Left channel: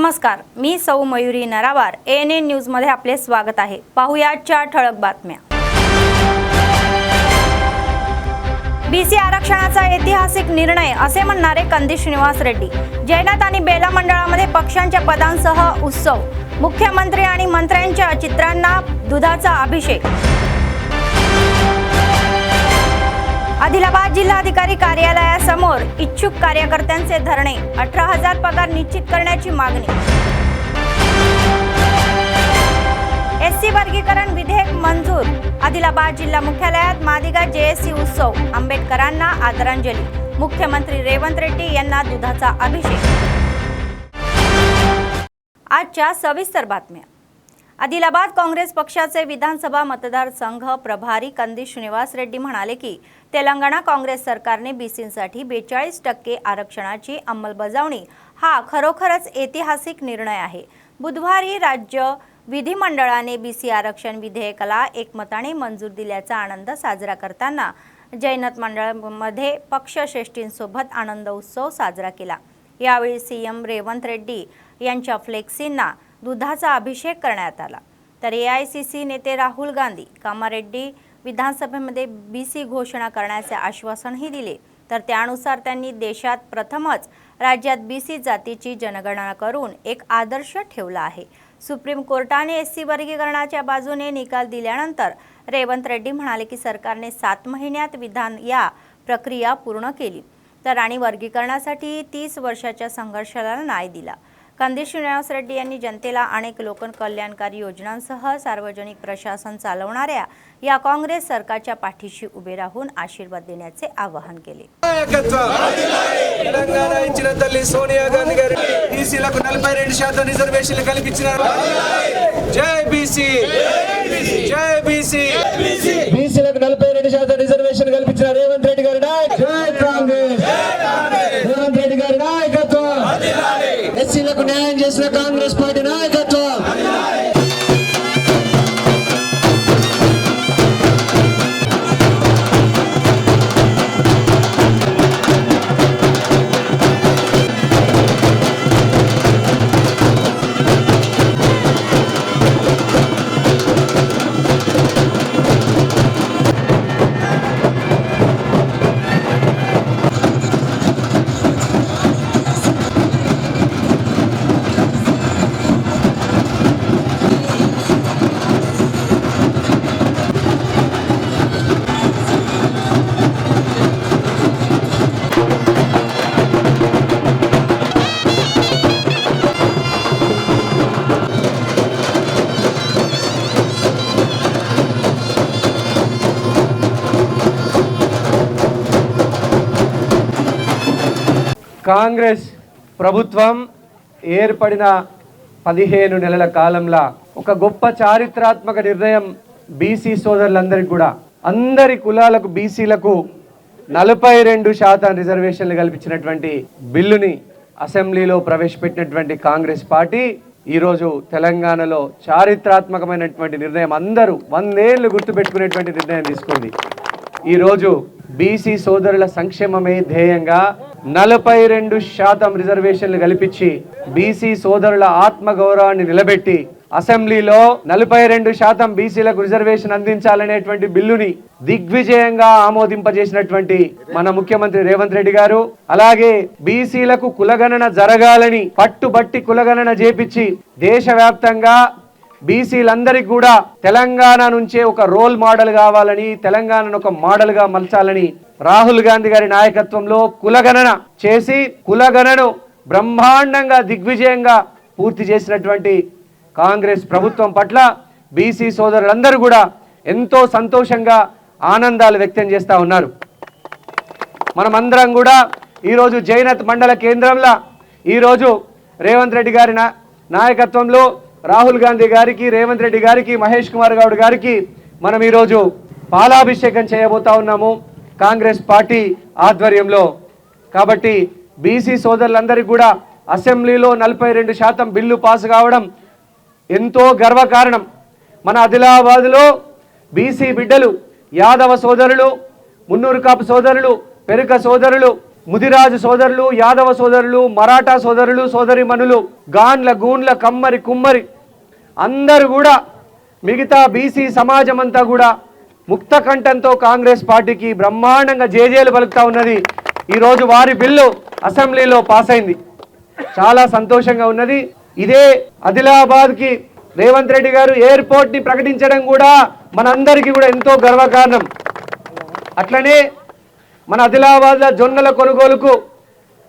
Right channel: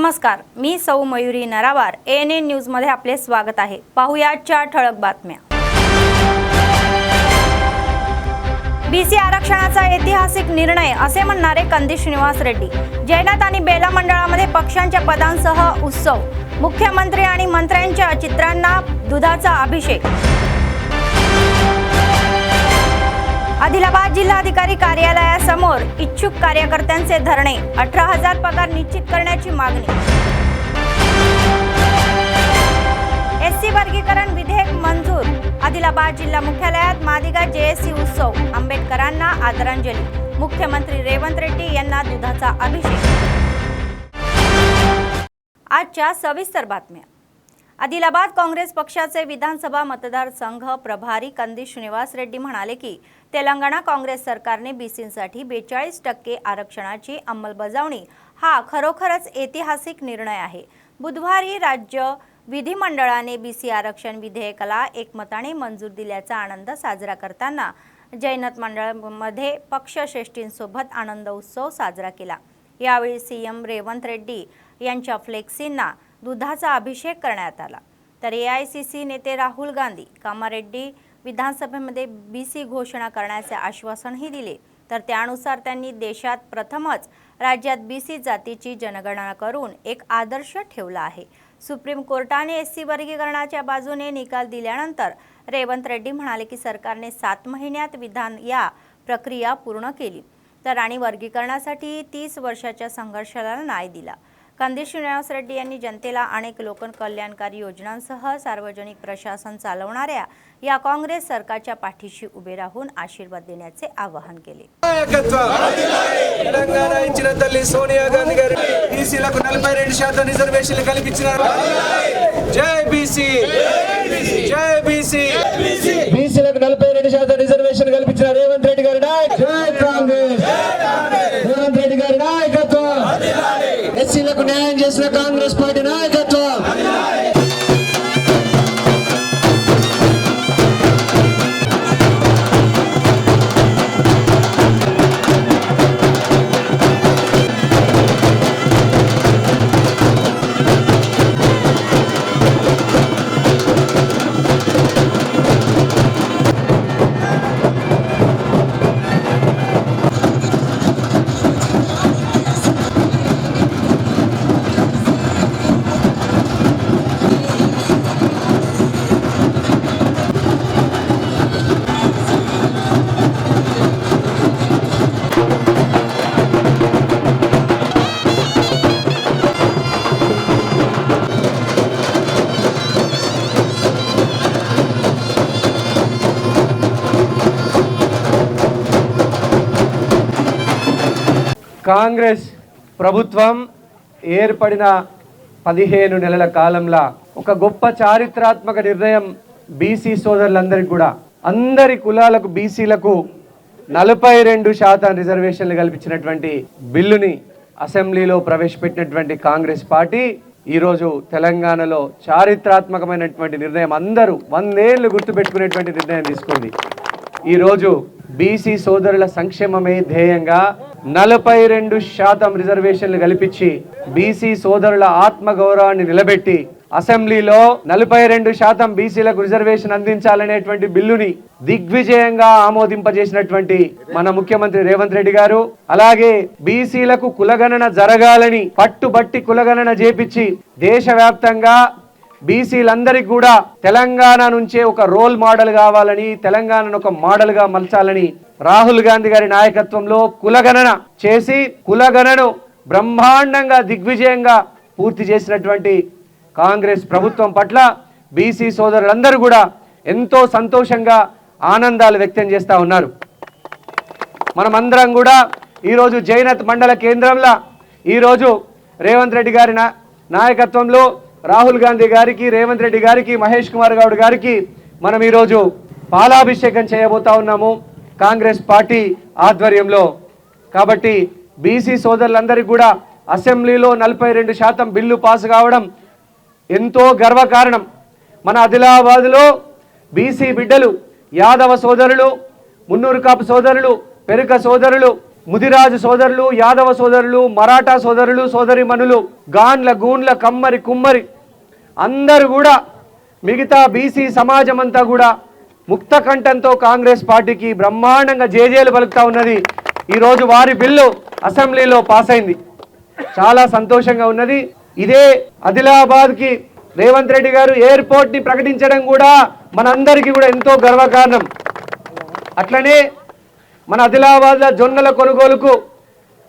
नमस्कार, मी सौ Mayuri नरावार। ANN news मध्ये आपले स्वागत आहे। पाहुयाच्या ठळक बातम्या। बीसी आरक्षणाचा ऐतिहासिक निर्णय असे म्हणणारे कंदी श्रीनिवास रेड्डी। जैनात आणि बेला मंडळामध्ये पक्षांच्या पदांसह उत्सव। मुख्यमंत्री आणि मंत्र्यांच्या चित्रांना दुधाचा अभिषेक। आदिलाबाद जिल्हाधिकारी कार्यालयासमोर इच्छुक कार्यकर्त्यांचे धरणे। 18,000 पगार निश्चित करण्याची मागणी। एससी वर्गीकरण विधेयक मंजूर। आदिलाबाद जिल्हा मुख्यालयात मादिगा जेएससी उत्सव। आंबेडकरांना आदरांजली। मुख्यमंत्री रेवंत रेड्डी यांना दुधाचा अभिषेक। आजच्या सविस्तर बातम्या। आदिलाबाद काँग्रेस पक्षाचे विधानसभा मतदारसंघ प्रभारी कंदी श्रीनिवास रेड्डी म्हणाले की तेलंगणा काँग्रेस सरकारने बीसींसाठी 42% आरक्षणाची अंमलबजावणी हा खरोखरच ऐतिहासिक निर्णय आहे। बुधवारी राज्य विधिमंडळाने बीसी आरक्षण विधेयकाला एकमताने मंजूर दिल्याचा आनंद साजरा करताना जैनत मंडळामध्ये पक्षश्रेष्ठींसोबत आनंद उत्सव साजरा केला। यावेळी सीएम रेवंत रेड्डी यांच्या फ्लेक्सींना दुधाचा अभिषेक करण्यात आला। तर एआयसीसी नेते राहुल गांधी कामारेड्डी विधानसभेमध्ये बीसी घोषणा करण्याचे आश्वासनही दिले। तर त्यानुसार त्यांनी देशात प्रथमच राज्यात बीसी जातीची जनगणना करून एक आदर्श ठेवला आहे। सुप्रीम कोर्टाने एससी वर्गीकरणाच्या बाजूने निकाल दिल्यानंतर रेवंत रेड्डी म्हणाले की सरकारने 7 महिन्यात विधान या प्रक्रिया पूर्ण केली तर आणि वर्गीकरणासाठी 30 वर्षाच्या संघर्षाला न्याय दिला। कंदी श्रीनिवास रेड्डी यांनी जनतेला अनेक लोककल्याणकारी योजनांसह सार्वजनिक प्रशासन चालवणाऱ्या या काँग्रेस सरकारच्या पाठीशी उभे राहून आशीर्वाद देण्याचे आवाहन केले। తెలంగాణ ఇచ్చిన తల్లి సోనియా గాంధీ గారు బీసీలకు 42% రిజర్వేషన్లు కల్పించినారు। జై బీసీ, జై బీసీ। బీసీలకు 42% రిజర్వేషన్ కల్పించిన రేవంత్ రెడ్డి గారి నాయకత్వం, జై కాంగ్రెస్, రేవంత్ రెడ్డి గారి నాయకత్వం, ఎస్సీలకు న్యాయం చేసిన కాంగ్రెస్ పార్టీ నాయకత్వం। కాంగ్రెస్ ప్రభుత్వం ఏర్పడిన 15 నెలల కాలంలో ఒక గొప్ప చారిత్రాత్మక నిర్ణయం బీసీ సోదరులందరికీ కూడా అందరి కులాలకు బీసీలకు 42% రిజర్వేషన్లు కల్పించినటువంటి బిల్లుని అసెంబ్లీలో ప్రవేశపెట్టినటువంటి కాంగ్రెస్ పార్టీ ఈరోజు తెలంగాణలో చారిత్రాత్మకమైనటువంటి నిర్ణయం అందరూ 100 ఏళ్ళు గుర్తుపెట్టుకునేటువంటి నిర్ణయం తీసుకుంది। ఈరోజు బీసీ సోదరుల సంక్షేమమే ధ్యేయంగా 42% రిజర్వేషన్లు కల్పించి బీసీ సోదరుల ఆత్మగౌరవాన్ని నిలబెట్టి అసెంబ్లీలో 42% బీసీలకు రిజర్వేషన్ అందించాలనేటువంటి బిల్లుని దిగ్విజయంగా ఆమోదింపజేసినటువంటి మన ముఖ్యమంత్రి రేవంత్ రెడ్డి గారు, అలాగే బీసీలకు కులగణన జరగాలని పట్టుబట్టి కులగణన చేపించి దేశవ్యాప్తంగా బీసీలందరికీ కూడా తెలంగాణ నుంచే ఒక రోల్ మోడల్ కావాలని, తెలంగాణను ఒక మోడల్గా మలచాలని రాహుల్ గాంధీ గారి నాయకత్వంలో కులగణన చేసి కులగణను బ్రహ్మాండంగా దిగ్విజయంగా పూర్తి చేసినటువంటి కాంగ్రెస్ ప్రభుత్వం పట్ల బీసీ సోదరులందరూ కూడా ఎంతో సంతోషంగా ఆనందాలు వ్యక్తం చేస్తూ ఉన్నారు। మనమందరం కూడా ఈరోజు జైనత్ మండల కేంద్రంలో ఈరోజు రేవంత్ రెడ్డి గారి నాయకత్వంలో రాహుల్ గాంధీ గారికి, రేవంత్ రెడ్డి గారికి, మహేష్ కుమార్ గౌడ్ గారికి మనం ఈరోజు పాలాభిషేకం చేయబోతా ఉన్నాము కాంగ్రెస్ పార్టీ ఆధ్వర్యంలో। కాబట్టి బీసీ సోదరులందరికీ కూడా అసెంబ్లీలో 42% బిల్లు పాస్ కావడం ఎంతో గర్వకారణం। మన ఆదిలాబాద్లో బీసీ బిడ్డలు, యాదవ సోదరులు, మున్నూరు కాపు సోదరులు, పెరుక సోదరులు ముదిరాజు సోదరులు, యాదవ సోదరులు, మరాఠా సోదరులు, సోదరిమణులు, గాన్ల, గూన్ల, కమ్మరి, కుమ్మరి అందరూ కూడా మిగతా బీసీ సమాజం అంతా కూడా ముక్త కంఠంతో కాంగ్రెస్ పార్టీకి బ్రహ్మాండంగా జేజేలు పలుకుతా ఉన్నది. ఈరోజు వారి బిల్లు అసెంబ్లీలో పాస్ అయింది. చాలా సంతోషంగా ఉన్నది. ఇదే ఆదిలాబాద్కి రేవంత్ రెడ్డి గారు ఎయిర్పోర్ట్ని ప్రకటించడం కూడా మనందరికీ కూడా ఎంతో గర్వకారణం. అట్లనే మన ఆదిలాబాద్లో జొన్నల కొనుగోలుకు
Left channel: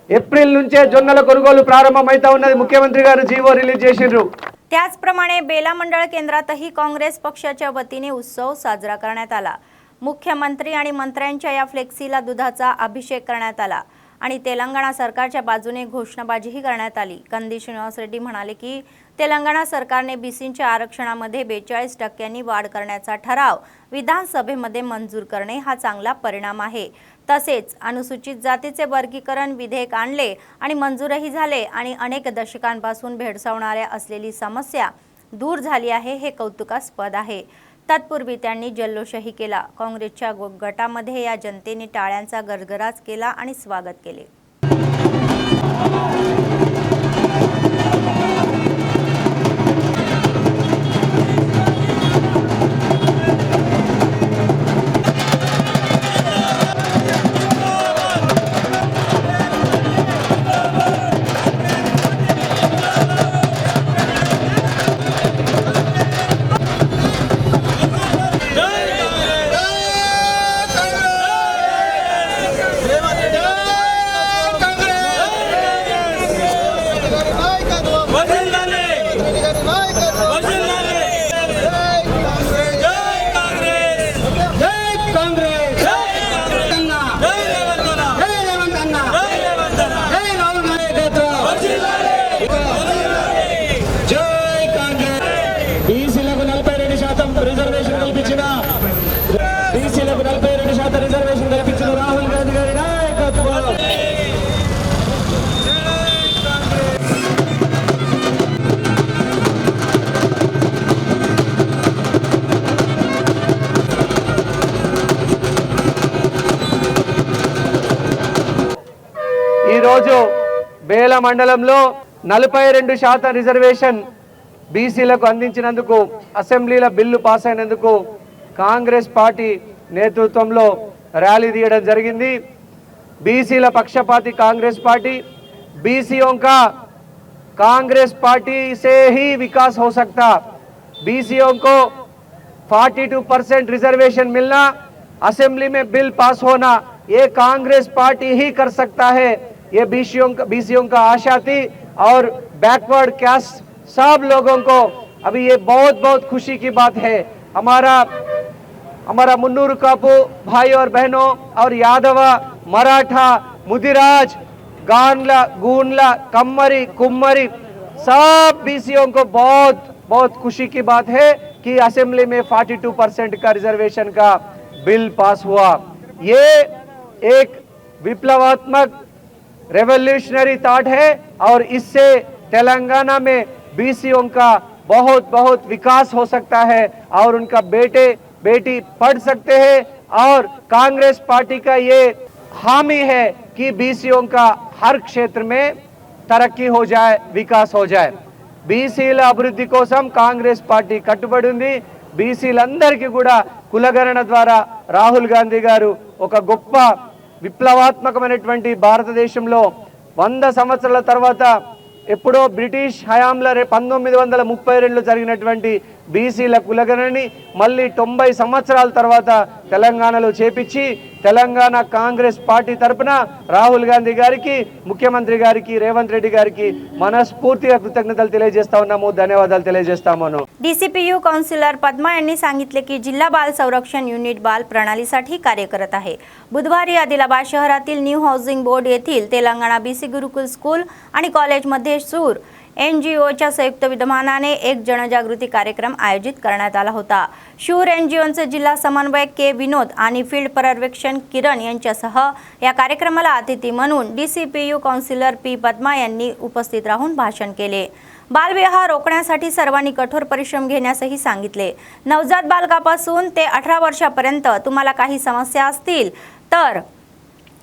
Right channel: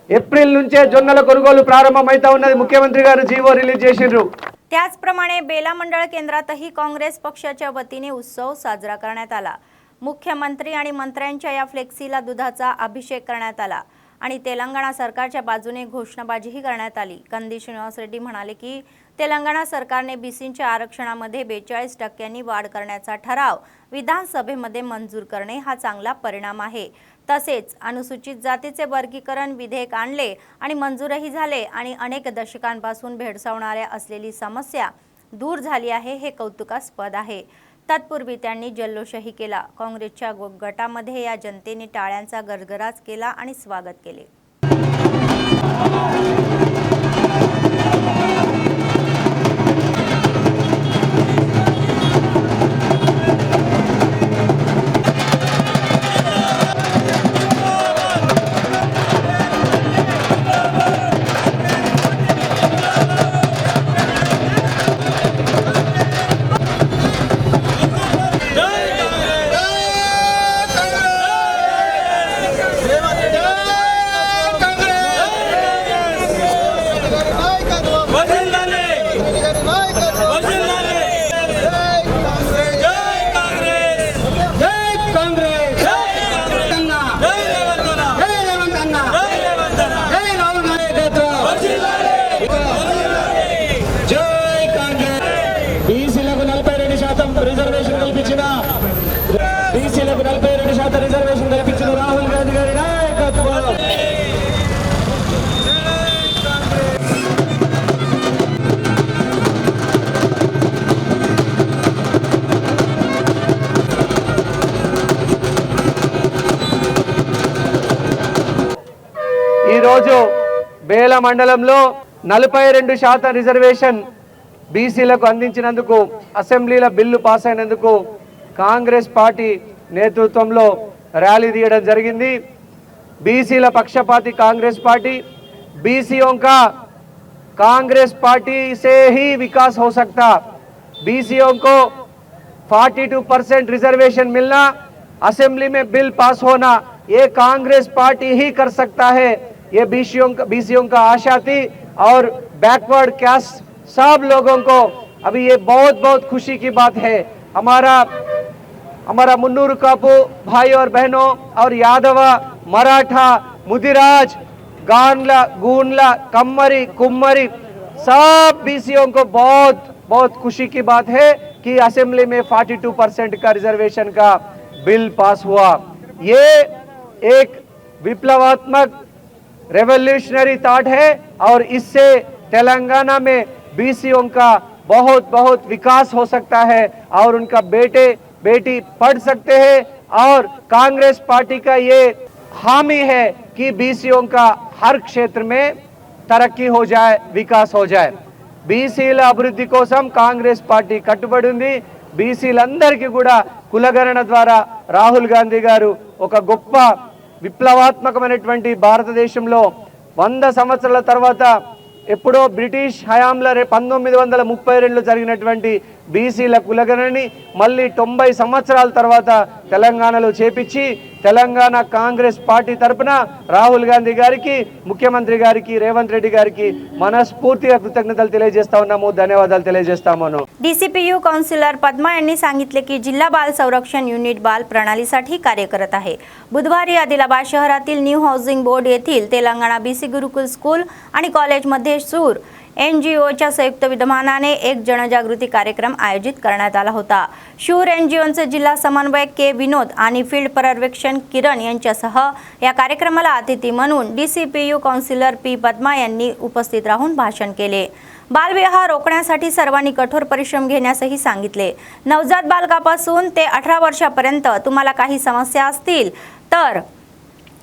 ఏప్రిల్ నుంచే జొన్నల కొనుగोलू प्रारंभमవుతా ఉన్నది. मुख्यमंत्री గారు జీవో రిలీజ్ చేసిర్రు. त्याचप्रमाणे बेला मंडळ केंद्रातही काँग्रेस पक्षाच्या वतीने उत्सव साजरा करण्यात आला. मुख्यमंत्री आणि मंत्र्यांच्या या फ्लेक्सीला दुधाचा अभिषेक करण्यात आला आणि तेलंगणा सरकारच्या बाजूने घोषणाबाजीही करण्यात आली. कंदी श्रीनिवास रेड्डी म्हणाले की तेलंगणा सरकारने बीसींच्या आरक्षणामध्ये 42% वाढ करण्याचा ठराव विधानसभेमध्ये मंजूर करणे हा चांगला परिणाम आहे. तसेच अनुसूचित जातीचे वर्गीकरण विधेयक आणले आणि मंजूरही झाले आणि अनेक दशकांपासून भेडसावणाऱ्या असलेली समस्या दूर झाली आहे, हे कौतुकास्पद आहे. तत्पूर्वी त्यांनी जल्लोषही केला. काँग्रेसच्या गटामध्ये या जनतेने टाळ्यांचा गरगराट केला आणि स्वागत केले. రిజర్వేషన్ కల్పించిన రాహుల్ గాంధీ గారి నాయకత్వం. ఈ రోజు బేల మండలంలో 42% రిజర్వేషన్ బీసీలకు అందించినందుకు అసెంబ్లీలో బిల్లు పాస్ అయినందుకు కాంగ్రెస్ పార్టీ నేతృత్వంలో ర్యాలీ తీయడం జరిగింది. बीसीల పక్షపాతి कांग्रेस पार्टी, बीसीओं का कांग्रेस पार्टी से ही विकास हो सकता. बीसीओं को 42% रिजर्वेशन मिलना, असेंबली में बिल पास होना, ये कांग्रेस पार्टी ही कर सकता है. ये बीसीओं का आशा थी और बैकवर्ड कास्ट सब लोगों को अभी ये बहुत खुशी की बात है. हमारा मुन्नूर कापू भाई और बहनों और यादव, मराठा, मुदिराज, गानला, गूनला, कम्मरी, कुम्मरी सब बीसीओं को बहुत खुशी की बात है कि असेंबली में 42% का रिजर्वेशन का बिल पास हुआ. ये एक विप्लवात्मक रेवोल्यूशनरी थॉट है और इससे तेलंगाना में बीसीओं का बहुत विकास हो सकता है और उनका बेटी पढ़ सकते हैं. और कांग्रेस पार्टी का ये हामी है कि बीसीओं का हर क्षेत्र में तरक्की हो जाए, विकास हो जाए. बीसीల అభివృద్ధి కోసం కాంగ్రెస్ పార్టీ కట్టుబడి ఉంది. బీసీలందరికీ కూడా కులగణన ద్వారా రాహుల్ గాంధీ గారు ఒక గొప్ప విప్లవాత్మకమైనటువంటి భారతదేశంలో 100 సంవత్సరాల తర్వాత ఎప్పుడో బ్రిటిష్ హయాంలో 1932లో జరిగినటువంటి బీసీల కులగణని మళ్ళీ 90 సంవత్సరాల తర్వాత తెలంగాణలో చేపించి తెలంగాణ కాంగ్రెస్ పార్టీ తరపున రాహుల్ గాంధీ గారికి, ముఖ్యమంత్రి గారికి, రేవంత్ రెడ్డి గారికి మనస్ఫూర్తిగా కృతజ్ఞతలు తెలియజేస్తా ఉన్నాము. ధన్యవాదాలు తెలియజేస్తాము. डीसीपीयू काउन्सिलर पद्मा यांनी सांगितले की जिल्हा बाल संरक्षण युनिट बाल प्रणालीसाठी कार्य करत आहे. बुधवारी आदिलाबाद शहरातील न्यू हाऊसिंग बोर्ड येथील तेलंगणा बीसी गुरुकुल स्कूल आणि कॉलेजमध्ये सूर एनजीओच्या संयुक्त विद्यमानाने एक जनजागृती कार्यक्रम आयोजित करण्यात आला होता. शूर एनजीओचे जिल्हा समन्वयक के विनोद आणि फील्ड पर्यवेक्षण किरण यांच्यासह या कार्यक्रमाला अतिथी म्हणून डीसीपीयू काउन्सिलर पी पद्मा यांनी उपस्थित राहून भाषण केले. बालविवाह रोखण्यासाठी सर्वांनी कठोर परिश्रम घेण्यासही सांगितले. नवजात बालकापासून ते 18 वर्षापर्यंत तुम्हाला काही समस्या असतील तर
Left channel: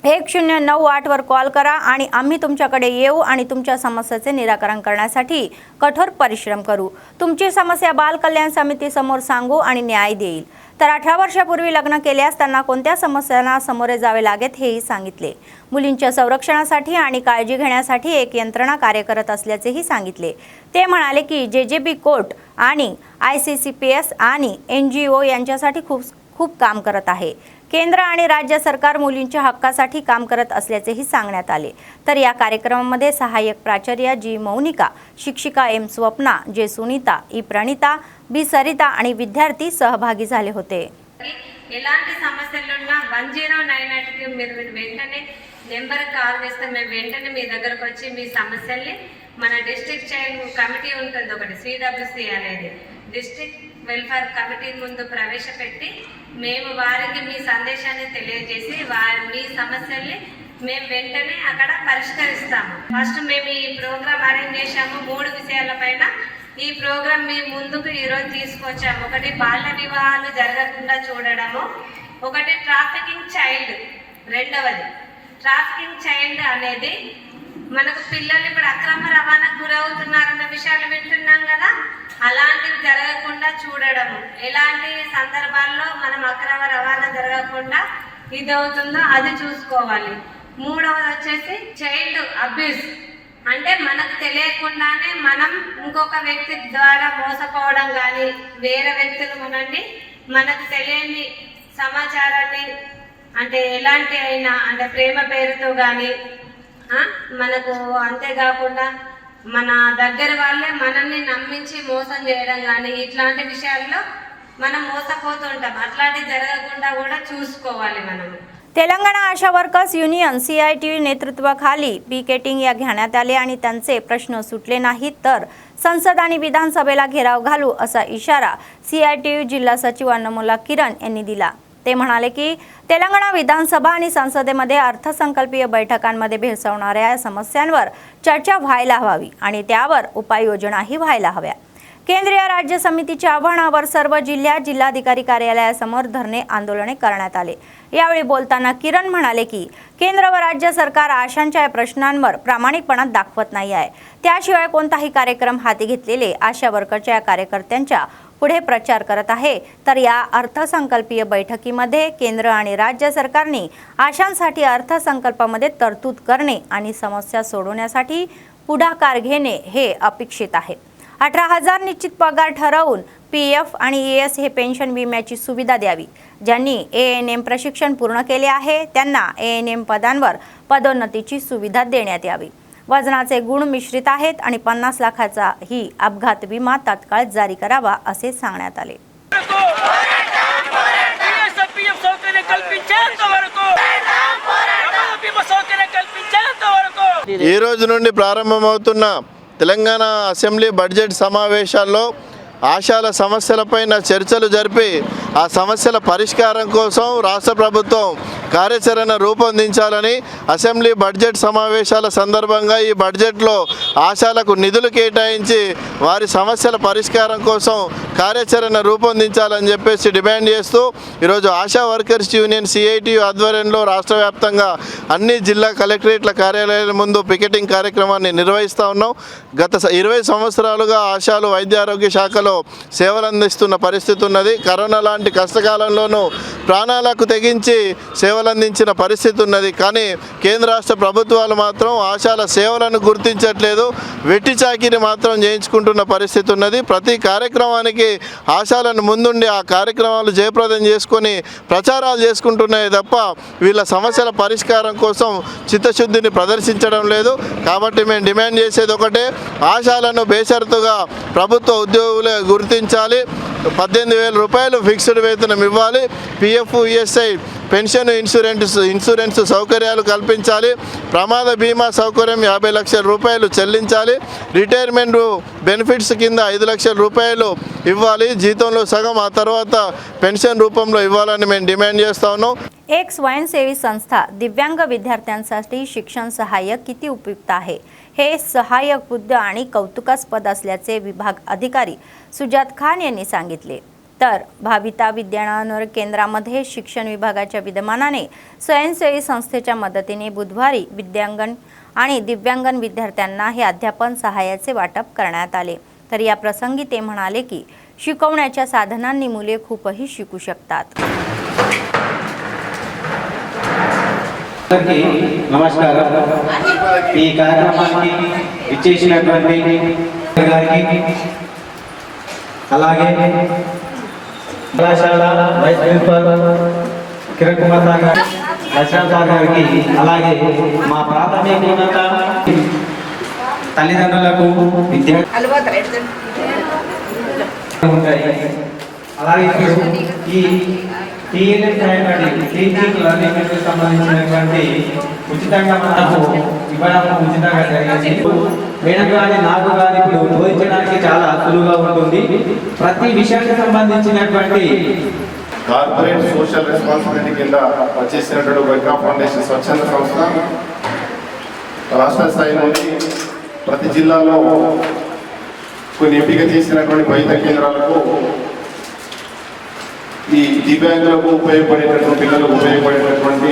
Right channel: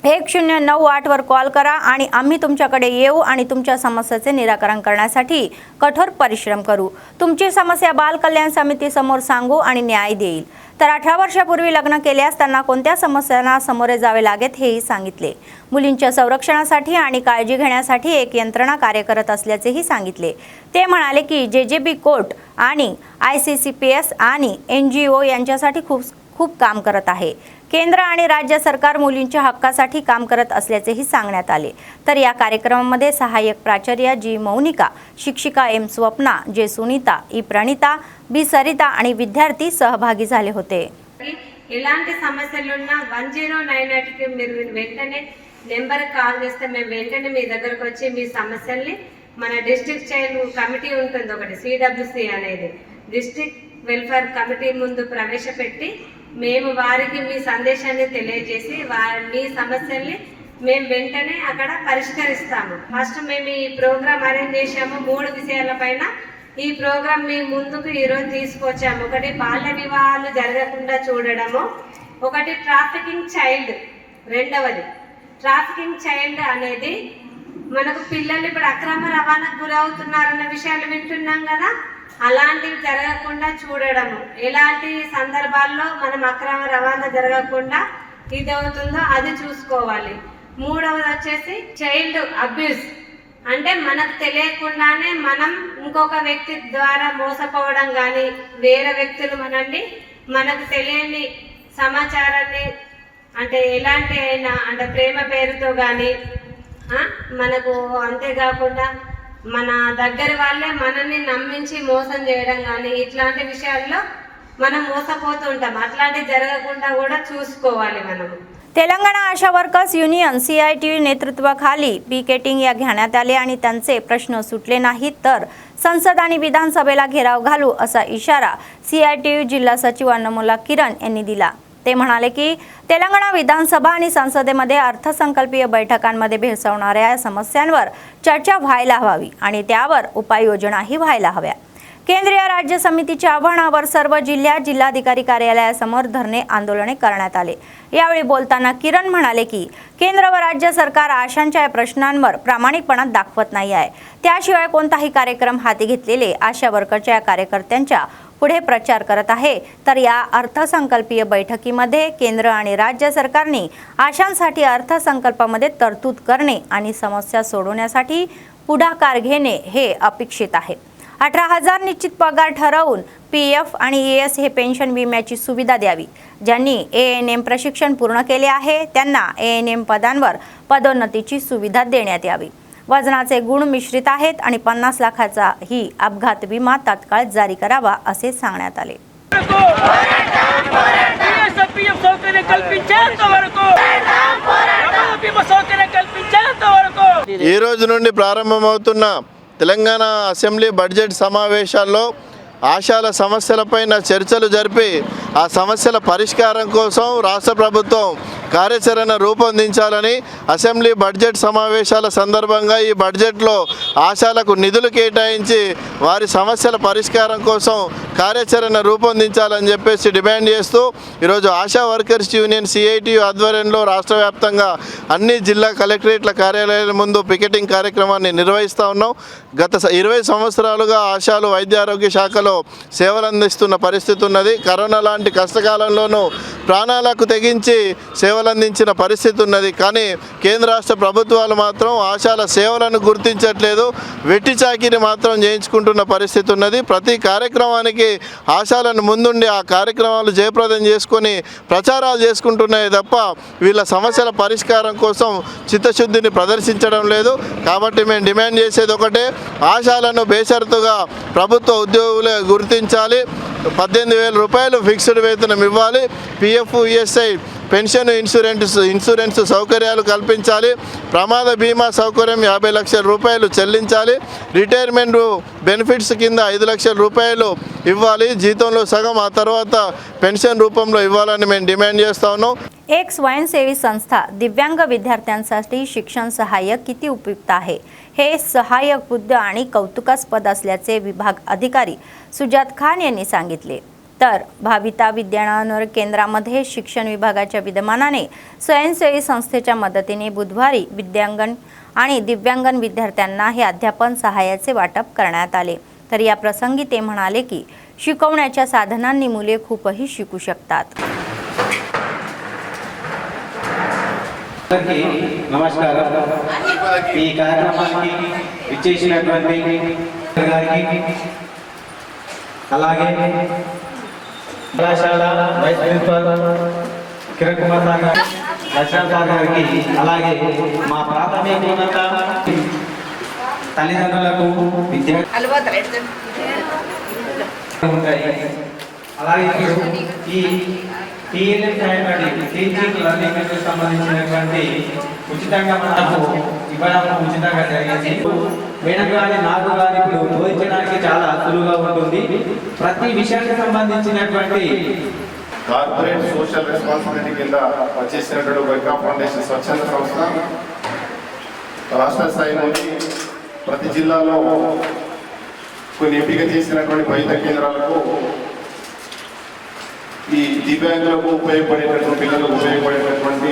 1098 वर कॉल करा आणि आम्ही तुमच्याकडे येऊ आणि तुमच्या समस्येचे निराकरण करण्यासाठी कठोर परिश्रम करू. तुमची समस्या बाल कल्याण समितीसमोर सांगू आणि न्याय देईल. तर 18 वर्षापूर्वी लग्न केल्यास त्यांना कोणत्या समस्यांना सामोरे जावे लागेल हेही सांगितले. मुलींच्या संरक्षणासाठी आणि काळजी घेण्यासाठी एक यंत्रणा कार्य करत असल्याचेही सांगितले. ते म्हणाले की JJB कोर्ट आणि ICCPS आणि NGO यांच्यासाठी खूप काम करत आहे. केंद्र आणि राज्य सरकार मुलींच्या हक्कासाठी काम करत असल्याचेही सांगण्यात आले. तर या कार्यक्रमामध्ये सहाय्यक प्राचार्य G मौनिका, शिक्षिका M Swapna, J Sunita, E Pranita, B सरिता आणि विद्यार्थी सहभागी झाले होते. ఎలాంటి సమస్యలున్నా 1098కి మీరు వెంటనే నెంబర్ కాల్ చేస్తే మేము వెంటనే మీ దగ్గరకు వచ్చి మీ సమస్యల్ని మన డిస్ట్రిక్ట్ చైల్డ్ కమిటీ ఉంటుంది ఒకటి CWC అనేది డిస్ట్రిక్ట్ వెల్ఫేర్ కమిటీ ముందు ప్రవేశపెట్టి మేము వారికి మీ సందేశాన్ని తెలియజేసి మీ సమస్యల్ని మేము వెంటనే అక్కడ పరిష్కరిస్తాము. ఫస్ట్ మేము ఈ ప్రోగ్రామ్ అరేంజ్ చేశాము 3 విషయాలపైన. ఈ ప్రోగ్రామ్ మీ ముందుకు ఈరోజు తీసుకొచ్చాము. ఒకటి బాల్య వివాహాలు జరగకుండా చూడడము, ఒకటి ట్రాఫికింగ్ చైల్డ్, రెండవది ట్రాఫికింగ్ చైల్డ్ అనేది మనకు పిల్లలు ఇప్పుడు అక్రమ రవాణాకు గురవుతున్నారన్న విషయాలు వింటున్నాం కదా, అలాంటివి జరగకుండా చూడడము. ఎలాంటి సందర్భాల్లో మనం అక్రమ రవాణా జరగకుండా ఇది అవుతుందో అది చూసుకోవాలి. మూడవది వచ్చేసి చైల్డ్ అబ్యూస్, అంటే మనకు తెలియకుండానే మనం ఇంకొక వ్యక్తి ద్వారా మోసపోవడం కానీ, వేరే వ్యక్తులు మనకు తెలియని సమాచారాన్ని అంటే ఎలాంటి అయినా అంటే ప్రేమ పేరుతో కానీ మనకు, అంతేకాకుండా మన దగ్గర వాళ్ళే మనల్ని నమ్మించి మోసం చేయడం కానీ ఇట్లాంటి विषयाల్లో మనం మోసపోతుంటాం. అట్లాంటి జరగకుండా కూడా చూసుకోవాలి మనం. तेलंगणा आशा वर्कर्स युनियन CITU नेतृत्वाखाली पिकेटिंग या घेण्यात आले आणि त्यांचे प्रश्न सुटले नाहीत तर संसद आणि विधानसभेला घेराव घालू असा इशारा CITU जिल्हा सचिव अन्नमुला किरण यांनी दिला. ते म्हणाले की तेलंगणा विधानसभा आणि संसदेमध्ये अर्थसंकल्पीय बैठकांमध्ये भेडसावणाऱ्या समस्यांवर चर्चा व्हायला हवी आणि त्यावर उपाययोजनाही व्हायला हव्या. केंद्रीय राज्य समितीच्या आव्हानावर सर्व जिल्ह्यात जिल्हाधिकारी कार्यालयासमोर धरणे आंदोलने करण्यात आले. यावेळी बोलताना किरण म्हणाले की केंद्र व राज्य सरकार आशांच्या प्रश्नांवर प्रामाणिकपणा दाखवत नाही आहे. त्याशिवाय कोणताही कार्यक्रम हाती घेतलेले आशा वर्करच्या कार्यकर्त्यांच्या पुढे प्रचार करत आहे. तर या अर्थसंकल्पीय बैठकीमध्ये केंद्र आणि राज्य सरकारने आशांसाठी अर्थसंकल्पामध्ये तरतूद करणे आणि समस्या सोडवण्यासाठी पुढाकार घेणे हे अपेक्षित आहे. 18,000 निश्चित पगार ठरवून PF आणि ES हे पेन्शन विम्याची सुविधा द्यावी. ज्यांनी ANM प्रशिक्षण पूर्ण केले आहे त्यांना ANM पदांवर पदोन्नतीची सुविधा देण्यात यावी. वजनाचे गुण मिश्रित आहेत आणि 50 लाखाचा ही अपघात विमा तात्काळ जारी करावा असे सांगण्यात आले. ఈ రోజు నుండి ప్రారంభమవుతున్న తెలంగాణ అసెంబ్లీ బడ్జెట్ సమావేశాల్లో ఆశాల సమస్యలపైన చర్చలు జరిపి ఆ సమస్యల పరిష్కారం కోసం రాష్ట్ర ప్రభుత్వం కార్యాచరణ రూపొందించాలని అసెంబ్లీ బడ్జెట్ సమావేశాల సందర్భంగా ఈ బడ్జెట్లో ఆశాలకు నిధులు కేటాయించి వారి సమస్యల పరిష్కారం కోసం కార్యాచరణ రూపొందించాలని చెప్పేసి డిమాండ్ చేస్తూ ఈరోజు ఆశా వర్కర్స్ యూనియన్ CITU ఆధ్వర్యంలో రాష్ట్ర వ్యాప్తంగా అన్ని జిల్లా కలెక్టరేట్ల కార్యాలయాల ముందు పికెటింగ్ కార్యక్రమాన్ని నిర్వహిస్తూ ఉన్నాం. గత 20 సంవత్సరాలుగా ఆశాలు వైద్య ఆరోగ్య శాఖలో సేవలు అందిస్తున్న పరిస్థితి ఉన్నది. కరోనా లాంటి కష్టకాలంలోనూ ప్రాణాలకు తెగించి సేవలు అందించిన పరిస్థితి ఉన్నది. కానీ కేంద్ర రాష్ట్ర ప్రభుత్వాలు మాత్రం ఆశాల సేవలను గుర్తించట్లేదు, వెట్టి చాకిరి మాత్రం చేయించుకుంటున్న పరిస్థితి ఉన్నది. ప్రతి కార్యక్రమానికి ఆశాలను ముందుండి ఆ కార్యక్రమాలు జయప్రదం చేసుకొని ప్రచారాలు చేసుకుంటున్నాయి తప్ప వీళ్ళ సమస్యల పరిష్కారం కోసం చిత్తశుద్ధిని ప్రదర్శించడం లేదు. కాబట్టి మేము డిమాండ్ చేసేది ఒకటే, ఆశాలను బేషరతుగా ప్రభుత్వ ఉద్యోగులే గుర్తించాలి. 18,000 రూపాయలు ఫిక్స్డ్ వేతనం ఇవ్వాలి. PF ESI పెన్షన్ ఇన్సూరెన్స్ సౌకర్యాలు కల్పించాలి. ప్రమాద బీమా సౌకర్యం 50 లక్షల రూపాయలు చెల్లించాలి. రిటైర్మెంట్ బెనిఫిట్స్ కింద 5 లక్షల రూపాయలు ఇవ్వాలి. జీతంలో సగం ఆ తర్వాత పెన్షన్ రూపంలో ఇవ్వాలని మేము డిమాండ్ చేస్తా ఉన్నాం. एक स्वयंसेवी संस्था दिव्यांग विद्यार्थ्यांसाठी शिक्षण सहाय्यक किती उपयुक्त आहे हे सहाय्यक बुद्ध आणि कौतुकास्पद असल्याचे विभाग अधिकारी सुजात खान यांनी सांगितले. तर भाविता विद्यानगर केंद्रामध्ये शिक्षण विभागाच्या विद्यमानाने स्वयंसेवी संस्थेच्या मदतीने बुधवारी विद्यांगण आणि दिव्यांगन विद्यार्थ्यांना हे अध्यापन सहाय्याचे वाटप करण्यात आले। तर या प्रसंगी ते म्हणाले की शिकवण्याच्या साधनांनी मुले खूपही शिकू शकतात। नमस्कार ఈ కార్యక్రమానికి ఇచ్చేసినటువంటి గారికి అలాగే కళాశాల వైస్ ప్రిన్సిపల్ కిరణ్ కుమార్ గారికి లక్ష్మణ్ గారికి అలాగే మా ప్రాథమికోన్నత తల్లిదండ్రులకు విద్యార్థులు ఉంటాయి। అలాగే ఈ టీఎల్ఎం అనేటువంటి టీచింగ్ లర్నింగ్ సంబంధించినటువంటి ఉచితంగా మనకు ఇవ్వడం ఉచితంగా జరిగింది। మేడం గారి నాకు గారి ఇప్పుడు బోధించడానికి చాలా సులువుగా ఉంటుంది। ప్రతి విషయానికి సంబంధించినటువంటి కార్పొరేట్ సోషల్ రెస్పాన్సిబిలిటీ కింద వచ్చేసినటువంటి వైకా ఫౌండేషన్ స్వచ్ఛంద సంస్థ రాష్ట్ర స్థాయి నుండి ప్రతి జిల్లాలో కొన్ని ఎంపిక చేసినటువంటి వైద్య కేంద్రాలకు ఈ దివ్యాంగులకు ఉపయోగపడేటటువంటి పిల్లలకు ఉపయోగపడేటటువంటి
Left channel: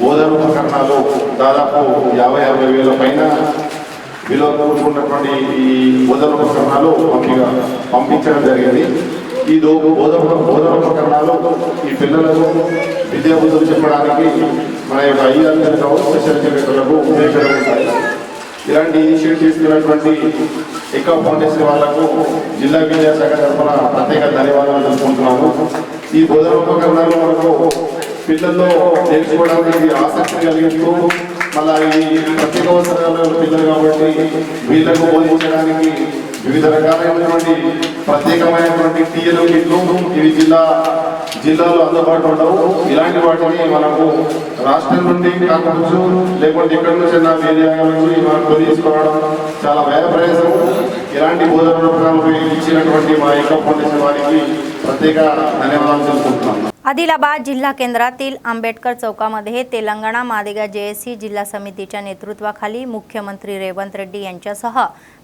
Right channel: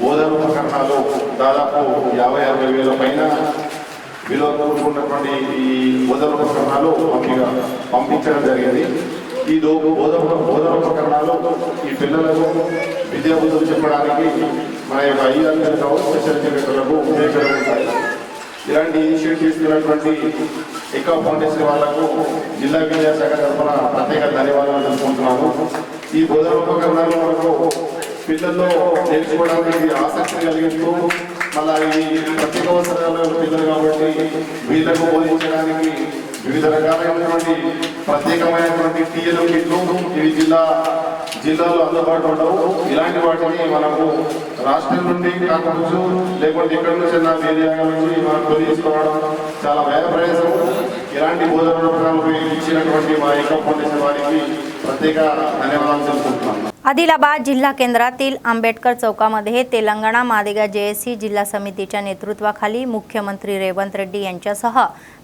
బోధన ఉపకరణాలు దాదాపు 50-60 వేల పైన విలువ కూడుకున్నటువంటి ఈ బోధన ఉపకరణాలు పంపించడం జరిగింది। ఈ బోధన ఉపకరణాలు ఈ పిల్లలకు విద్యాబుద్ధులు చెప్పడానికి మన యొక్క ఐఆర్లకు స్పెషల్ ఎడ్యుకేటర్లకు ఉపయోగపడి ఉంటాయి। ఇలాంటి ఇనిషియేటివ్ తీసుకున్నటువంటి ఎకా ఫౌండేషన్ వాళ్లకు జిల్లా విద్యాశాఖ తరఫున ప్రత్యేక ధన్యవాదాలు తెలుపుకుంటున్నాము। ఈ బోధన ఉపకరణాలు మనకు పిల్లల్లో నేర్చుకోవడానికి ఆసక్తి కలిగిస్తూ మళ్ళీ ఈ ప్రత్యేక అవసరాల పిల్లలు కాబట్టి వీళ్ళకు బోధించడానికి వివిధ రకాలైనటువంటి ప్రత్యేకమైనటువంటి టీఎల్ కిట్లు ఇవి జిల్లాలో అందుబాటులో ఉండవు। ఇలాంటి వాటిని మనకు రాష్ట్రం నుండి కాకపోవచ్చు లేకుంటే ఇక్కడ నుంచి నా ఏరియా నుంచి మనం కొనిసుకోవడం చాలా వ్యయ ప్రయాసం। ఇలాంటి బోధన ఉపకరణాలు ఇచ్చినటువంటి మా ఎకా ఫౌండేషన్ వారికి ప్రత్యేక ధన్యవాదాలు తెలుపుతున్నాను। आदिलाबाद जिल्हा केंद्रातील आंबेडकर चौकामध्ये तेलंगणा मादिगा जेएसी जिल्हा समितीच्या नेतृत्वाखाली मुख्यमंत्री रेवंत रेड्डी यांच्यासह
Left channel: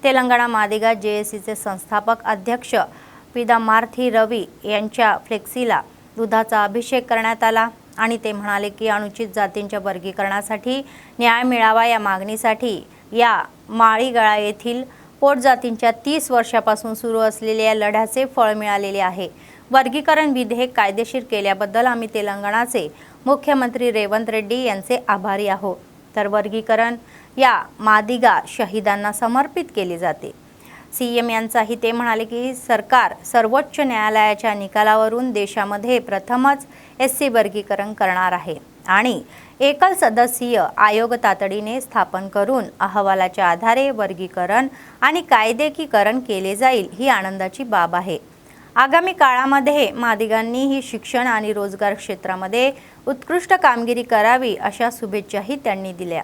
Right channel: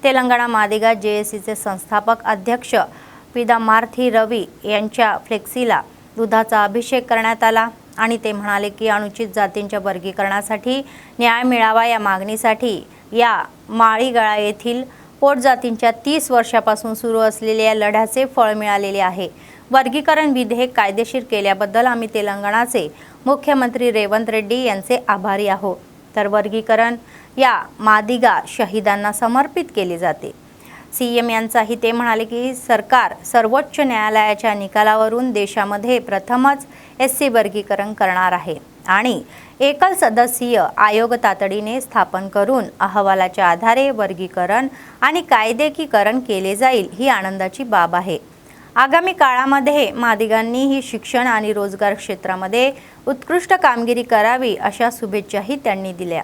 तेलंगणा मादिगा जेएसीचे संस्थापक अध्यक्ष पिदामार्थी रवी यांच्या फ्लेक्सीला दुधाचा अभिषेक करण्यात आला आणि ते म्हणाले की अनुचित जातींच्या वर्गीकरणासाठी न्याय मिळावा या मागणीसाठी या माळीगळा येथील पोटजातींच्या 30 वर्षापासून सुरू असलेल्या लढ्याचे फळ मिळालेले आहे। वर्गीकरण विधेयक कायदेशीर केल्याबद्दल आम्ही तेलंगणाचे मुख्यमंत्री रेवंत रेड्डी यांचे आभारी आहोत। तर वर्गीकरण या मादिगा शहीदांना समर्पित केले जाते। सीएम यांचाही ते म्हणाले की सरकार सर्वोच्च न्यायालयाच्या निकालावरून देशामध्ये प्रथमच एससी वर्गीकरण करणार आहे आणि एकल सदस्यीय आयोग तातडीने स्थापन करून अहवालाच्या आधारे वर्गीकरण आणि कायदेकीकरण केले जाईल ही आनंदाची बाब आहे। आगामी काळामध्ये मादिगांनी ही शिक्षण आणि रोजगार क्षेत्रामध्ये उत्कृष्ट कामगिरी करावी अशा शुभेच्छाही त्यांनी दिल्या।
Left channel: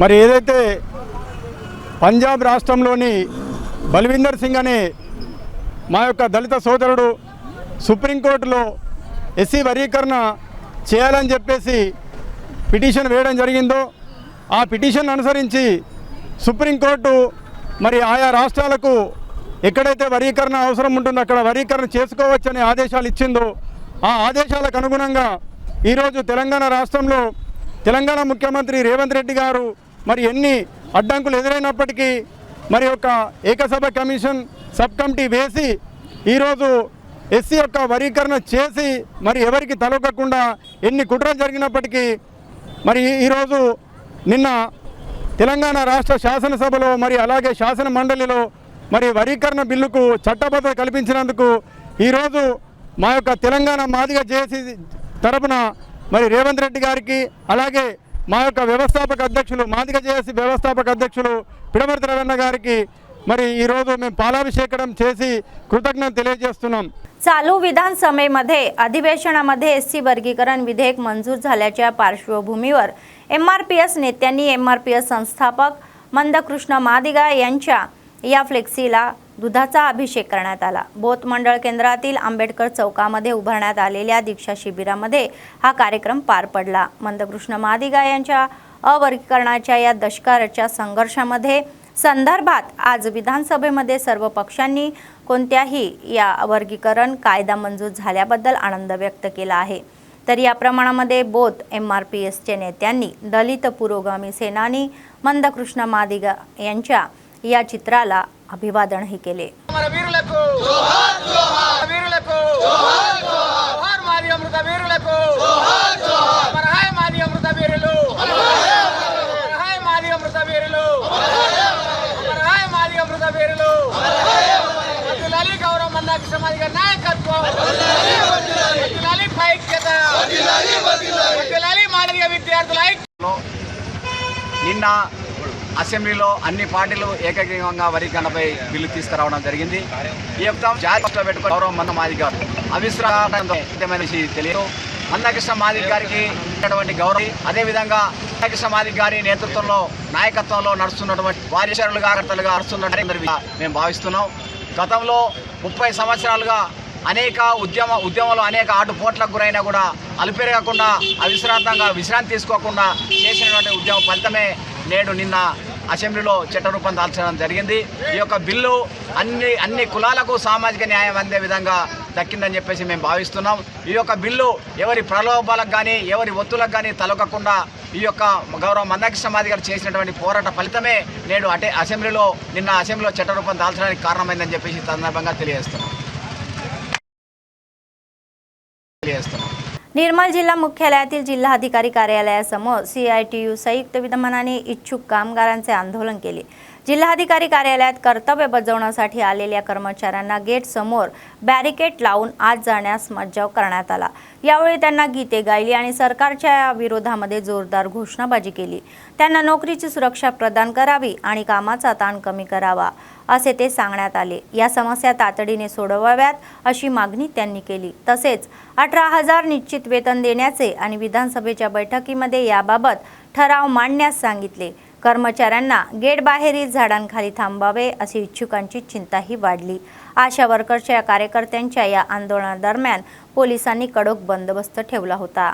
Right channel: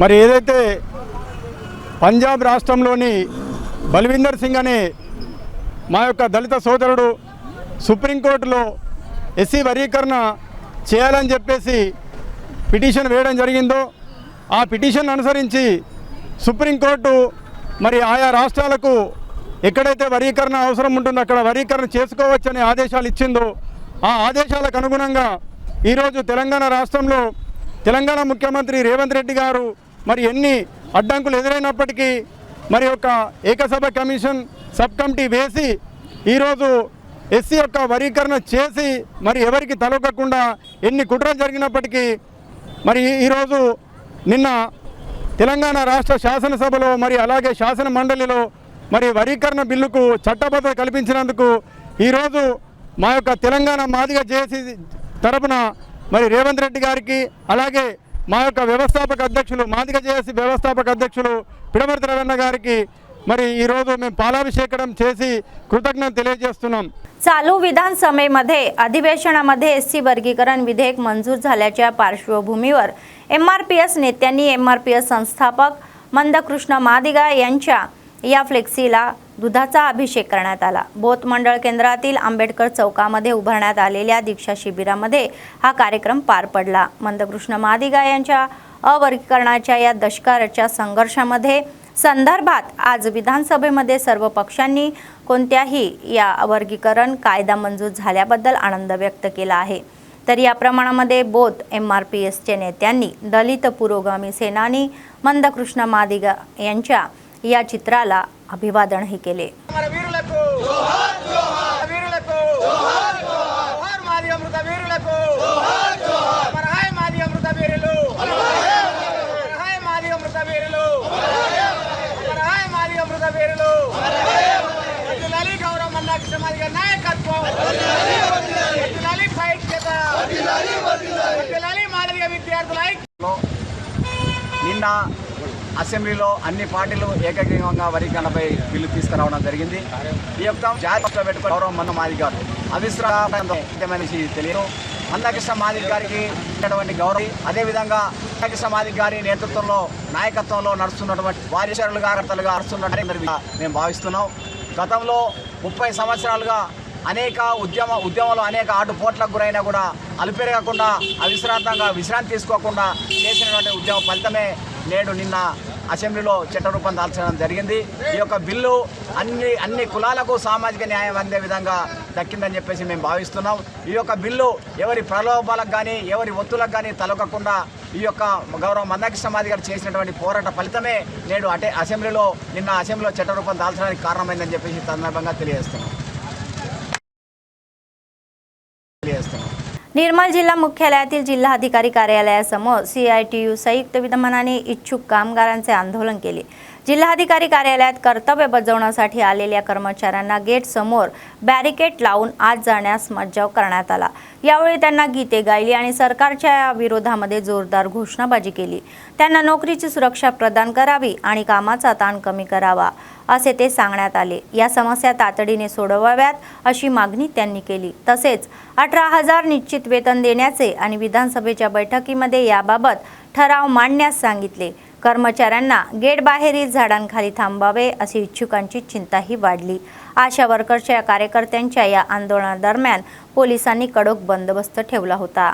మరి ఏదైతే పంజాబ్ రాష్ట్రంలోని బల్విందర్ సింగ్ అనే మా యొక్క దళిత సోదరుడు సుప్రీంకోర్టులో ఎస్సీ వర్గీకరణ చేయాలని చెప్పేసి పిటిషన్ వేయడం జరిగిందో ఆ పిటిషన్ అనుసరించి సుప్రీంకోర్టు మరి ఆయా రాష్ట్రాలకు ఎక్కడైతే వర్గీకరణ అవసరం ఉంటుందో అక్కడ వర్గీకరణ చేసుకోవచ్చని ఆదేశాలు ఇచ్చిందో ఆ ఆదేశాలకు అనుగుణంగా ఈరోజు తెలంగాణ రాష్ట్రంలో తెలంగాణ ముఖ్యమంత్రి రేవంత్ రెడ్డి గారు మరి ఎన్ని అడ్డంకులు ఎదురైనప్పటికీ మరి ఒక ఏకసభ కమిషన్ సబ్ కమిటీ వేసి ఈరోజు ఎస్సీ యొక్క వర్గీకరణ చేసి మరి ఎవరికి తలొక్కకుండా ఎన్ని కుట్రలు జరిగినప్పటికీ మరి ఈరోజు నిన్న తెలంగాణ రాష్ట్ర శాసనసభలో మరి అలాగే శాసన మండలిలో మరి వర్గీకరణ బిల్లుకు చట్టబద్ధత కల్పించినందుకు ఈరోజు మా యొక్క తెలంగాణ మాదిగా జేఏసీ తరపున మరి రేవంత్ రెడ్డి గారికి అలాగే మా యొక్క వ్యవస్థాపక అధ్యక్షులు మాదిగా జేఏసీ व्यवस्थापक అధ్యక్షులు పిడమర్తి రవణ గారికి మరి ఈ రోజు మేము పాలాభిషేకం చేసి కృతజ్ఞత తెలియజేస్తున్నాం। चालू विधानसभेमध्ये अधिवेशनामध्ये एससी वर्गीकरण विधेयक मंजूर झाल्याच्या पार्श्वभूमीवर एमआरपीएस नेत्यांनी एमआरपीएस संस्थापक मंदकृष्ण मादिगा यांच्या या फ्लेक्सीला दुधाचा अभिषेक करण्यात आला। बोथ मंडळ केंद्रातील आंबेडकर चौकामध्ये उभारण्यात आलेल्या दीक्षा शिबिरामध्ये हा कार्यक्रम पार पडला। मंदकृष्ण मादिगा यांच्या अवर्गीकरणाच्या या दशकाच्या संदर्भात आज विधानसभेमध्ये सर्व पक्षांनी कोणत्याही या वर्गीकरण कायदा मंजूर झाल्याबद्दल आनंद व्यक्त केला आहे। तर या प्रमाणामध्ये बोथ MRPSचे नेत्यांनी दलित पुरोगामी सेनानी मंदकृष्ण मादिगा यांच्या या चित्राला अभिवादनही केले। నిన్న అసెంబ్లీలో అన్ని పార్టీలు ఏకగ్రీవంగా వర్గీకరణపై బిల్లు తీసుకురావడం జరిగింది। ఈ యొక్క జాగ్రత్తలో పెట్టుకుని గౌరవం మంద మాదిగ గారు అవిశ్రాంతమనేసి తెలియదు। మందకృష్ణ మాదిగ గారికి ఉన్నటువంటి గౌరవం, అదేవిధంగా మందకృష్ణ మాదిగ గారి నేతృత్వంలో నాయకత్వంలో నడుస్తున్నటువంటి వారిశరులుగా కర్తలుగా నడుస్తున్నట్టు మేము భావిస్తున్నాం। గతంలో 30 సంవత్సరాలుగా అనేక ఉద్యమంలో అనేక ఆటుపోట్లకు గురైనా కూడా అలుపెరగకుండా అవిశ్రాంతంగా విశ్రాంతి తీసుకోకుండా చేసినటువంటి ఉద్యమ ఫలితమే నేడు నిన్న అసెంబ్లీలో చట్టరూపం దాల్చడం జరిగింది। ఈ యొక్క బిల్లు అన్ని కులాలకు సామాజిక న్యాయం అందే విధంగా దక్కిందని చెప్పేసి మేము భావిస్తున్నాం। ఈ యొక్క బిల్లు ఎవరి ప్రలోభాలకు కానీ ఎవరి ఒత్తులకు కానీ తలొక్కకుండా ఈ యొక్క గౌరవ మందకృష్ణ మాదిగ గారు చేసినటువంటి పోరాట ఫలితమే నేడు అసెంబ్లీలో చట్టరూపం దాల్చడానికి కారణమైందని చెప్పేసి సందర్భంగా తెలియజేస్తున్నాం। निर्मल जिल्हा मुख्यालयातील जिल्हाधिकारी कार्यालयासमोर CITU संयुक्त विद्यमानाने इच्छुक कामगारांचे आंदोलन केले। जिल्हाधिकारी कार्यालयात कर्तव्य बजावण्यासाठी आलेल्या कर्मचाऱ्यांना गेट समोर बॅरिकेड लावून आत जाण्यास मज्जाव करण्यात आला। यावेळी त्यांना गीते गायली आणि सरकारच्या विरोधामध्ये जोरदार घोषणाबाजी केली। त्यांना नोकरीची सुरक्षा प्रदान करावी आणि कामाचा ताण कमी करावा असे ते सांगण्यात आले। या समस्या तातडीने सोडवाव्यात अशी मागणी त्यांनी केली। तसेच 18,000 निश्चित वेतन देण्याचे आणि विधानसभेच्या बैठकीमध्ये याबाबत ठराव मांडण्यास सांगितले। कर्मचाऱ्यांना गेट बाहेरील झाडांखाली थांबावे अशी इच्छुकांची चिंताही वाढली। आशा वर्करच्या कार्यकर्त्यांच्या या आंदोलनादरम्यान पोलिसांनी कडक बंदोबस्त ठेवला होता।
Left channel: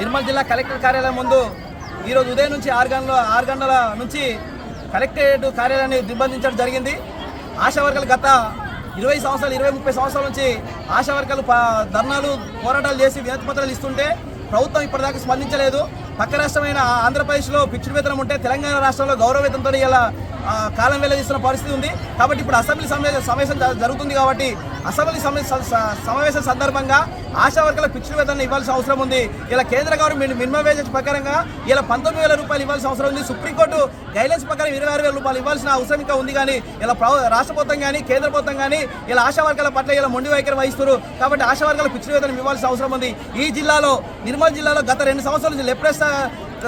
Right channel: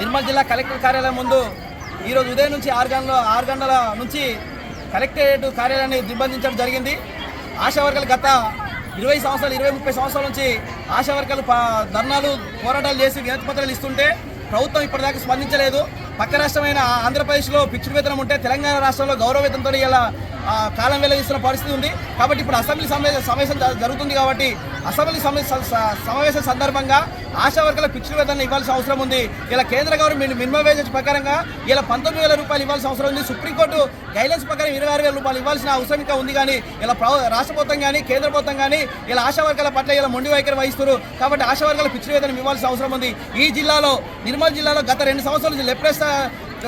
నిర్మల్ జిల్లా కలెక్టర్ కార్యాలయం ముందు ఈరోజు ఉదయం నుంచి 6 గంటల నుంచి కలెక్టరేట్ కార్యాలయాన్ని నిర్బంధించడం జరిగింది। ఆశా వర్కర్లు గత 20 సంవత్సరాలు 20-30 సంవత్సరాల నుంచి ఆశా వర్కర్లు ధర్నాలు పోరాటాలు చేసి వినతి పత్రాలు ఇస్తుంటే ప్రభుత్వం ఇప్పటిదాకా స్పందించలేదు। పక్క రాష్ట్రమైన ఆంధ్రప్రదేశ్లో ఫిక్స్డ్ వేతనం ఉంటే తెలంగాణ రాష్ట్రంలో గౌరవ వేతనంతో ఇలా కాలం వెల్లదీస్తున్న పరిస్థితి ఉంది। కాబట్టి ఇప్పుడు అసెంబ్లీ సమావేశం జరుగుతుంది కాబట్టి అసెంబ్లీ సమావేశం సందర్భంగా ఆశా వర్కర్ల ఫిక్స్డ్ వేతనం ఇవ్వాల్సిన అవసరం ఉంది। ఇలా కేంద్ర గవర్నమెంట్ మినిమం వేజెస్ ప్రకారంగా ఇలా 19,000 రూపాయలు ఇవ్వాల్సిన అవసరం ఉంది। సుప్రీంకోర్టు గైడ్లైన్స్ ప్రకారం 26,000 రూపాయలు ఇవ్వాల్సిన అవసరం ఇంకా ఉంది। కానీ ఇలా రాష్ట్ర ప్రభుత్వం కానీ కేంద్ర ప్రభుత్వం కానీ ఇలా ఆశా వర్కర్ల పట్ల ఇలా మొండి వైఖరి వహిస్తున్నారు। కాబట్టి ఆశా వర్కర్ల ఫిక్స్డ్ వేతనం ఇవ్వాల్సిన అవసరం ఉంది। ఈ జిల్లాలో నిర్మల్ జిల్లాలో గత 2 సంవత్సరాల నుంచి లెప్రెస్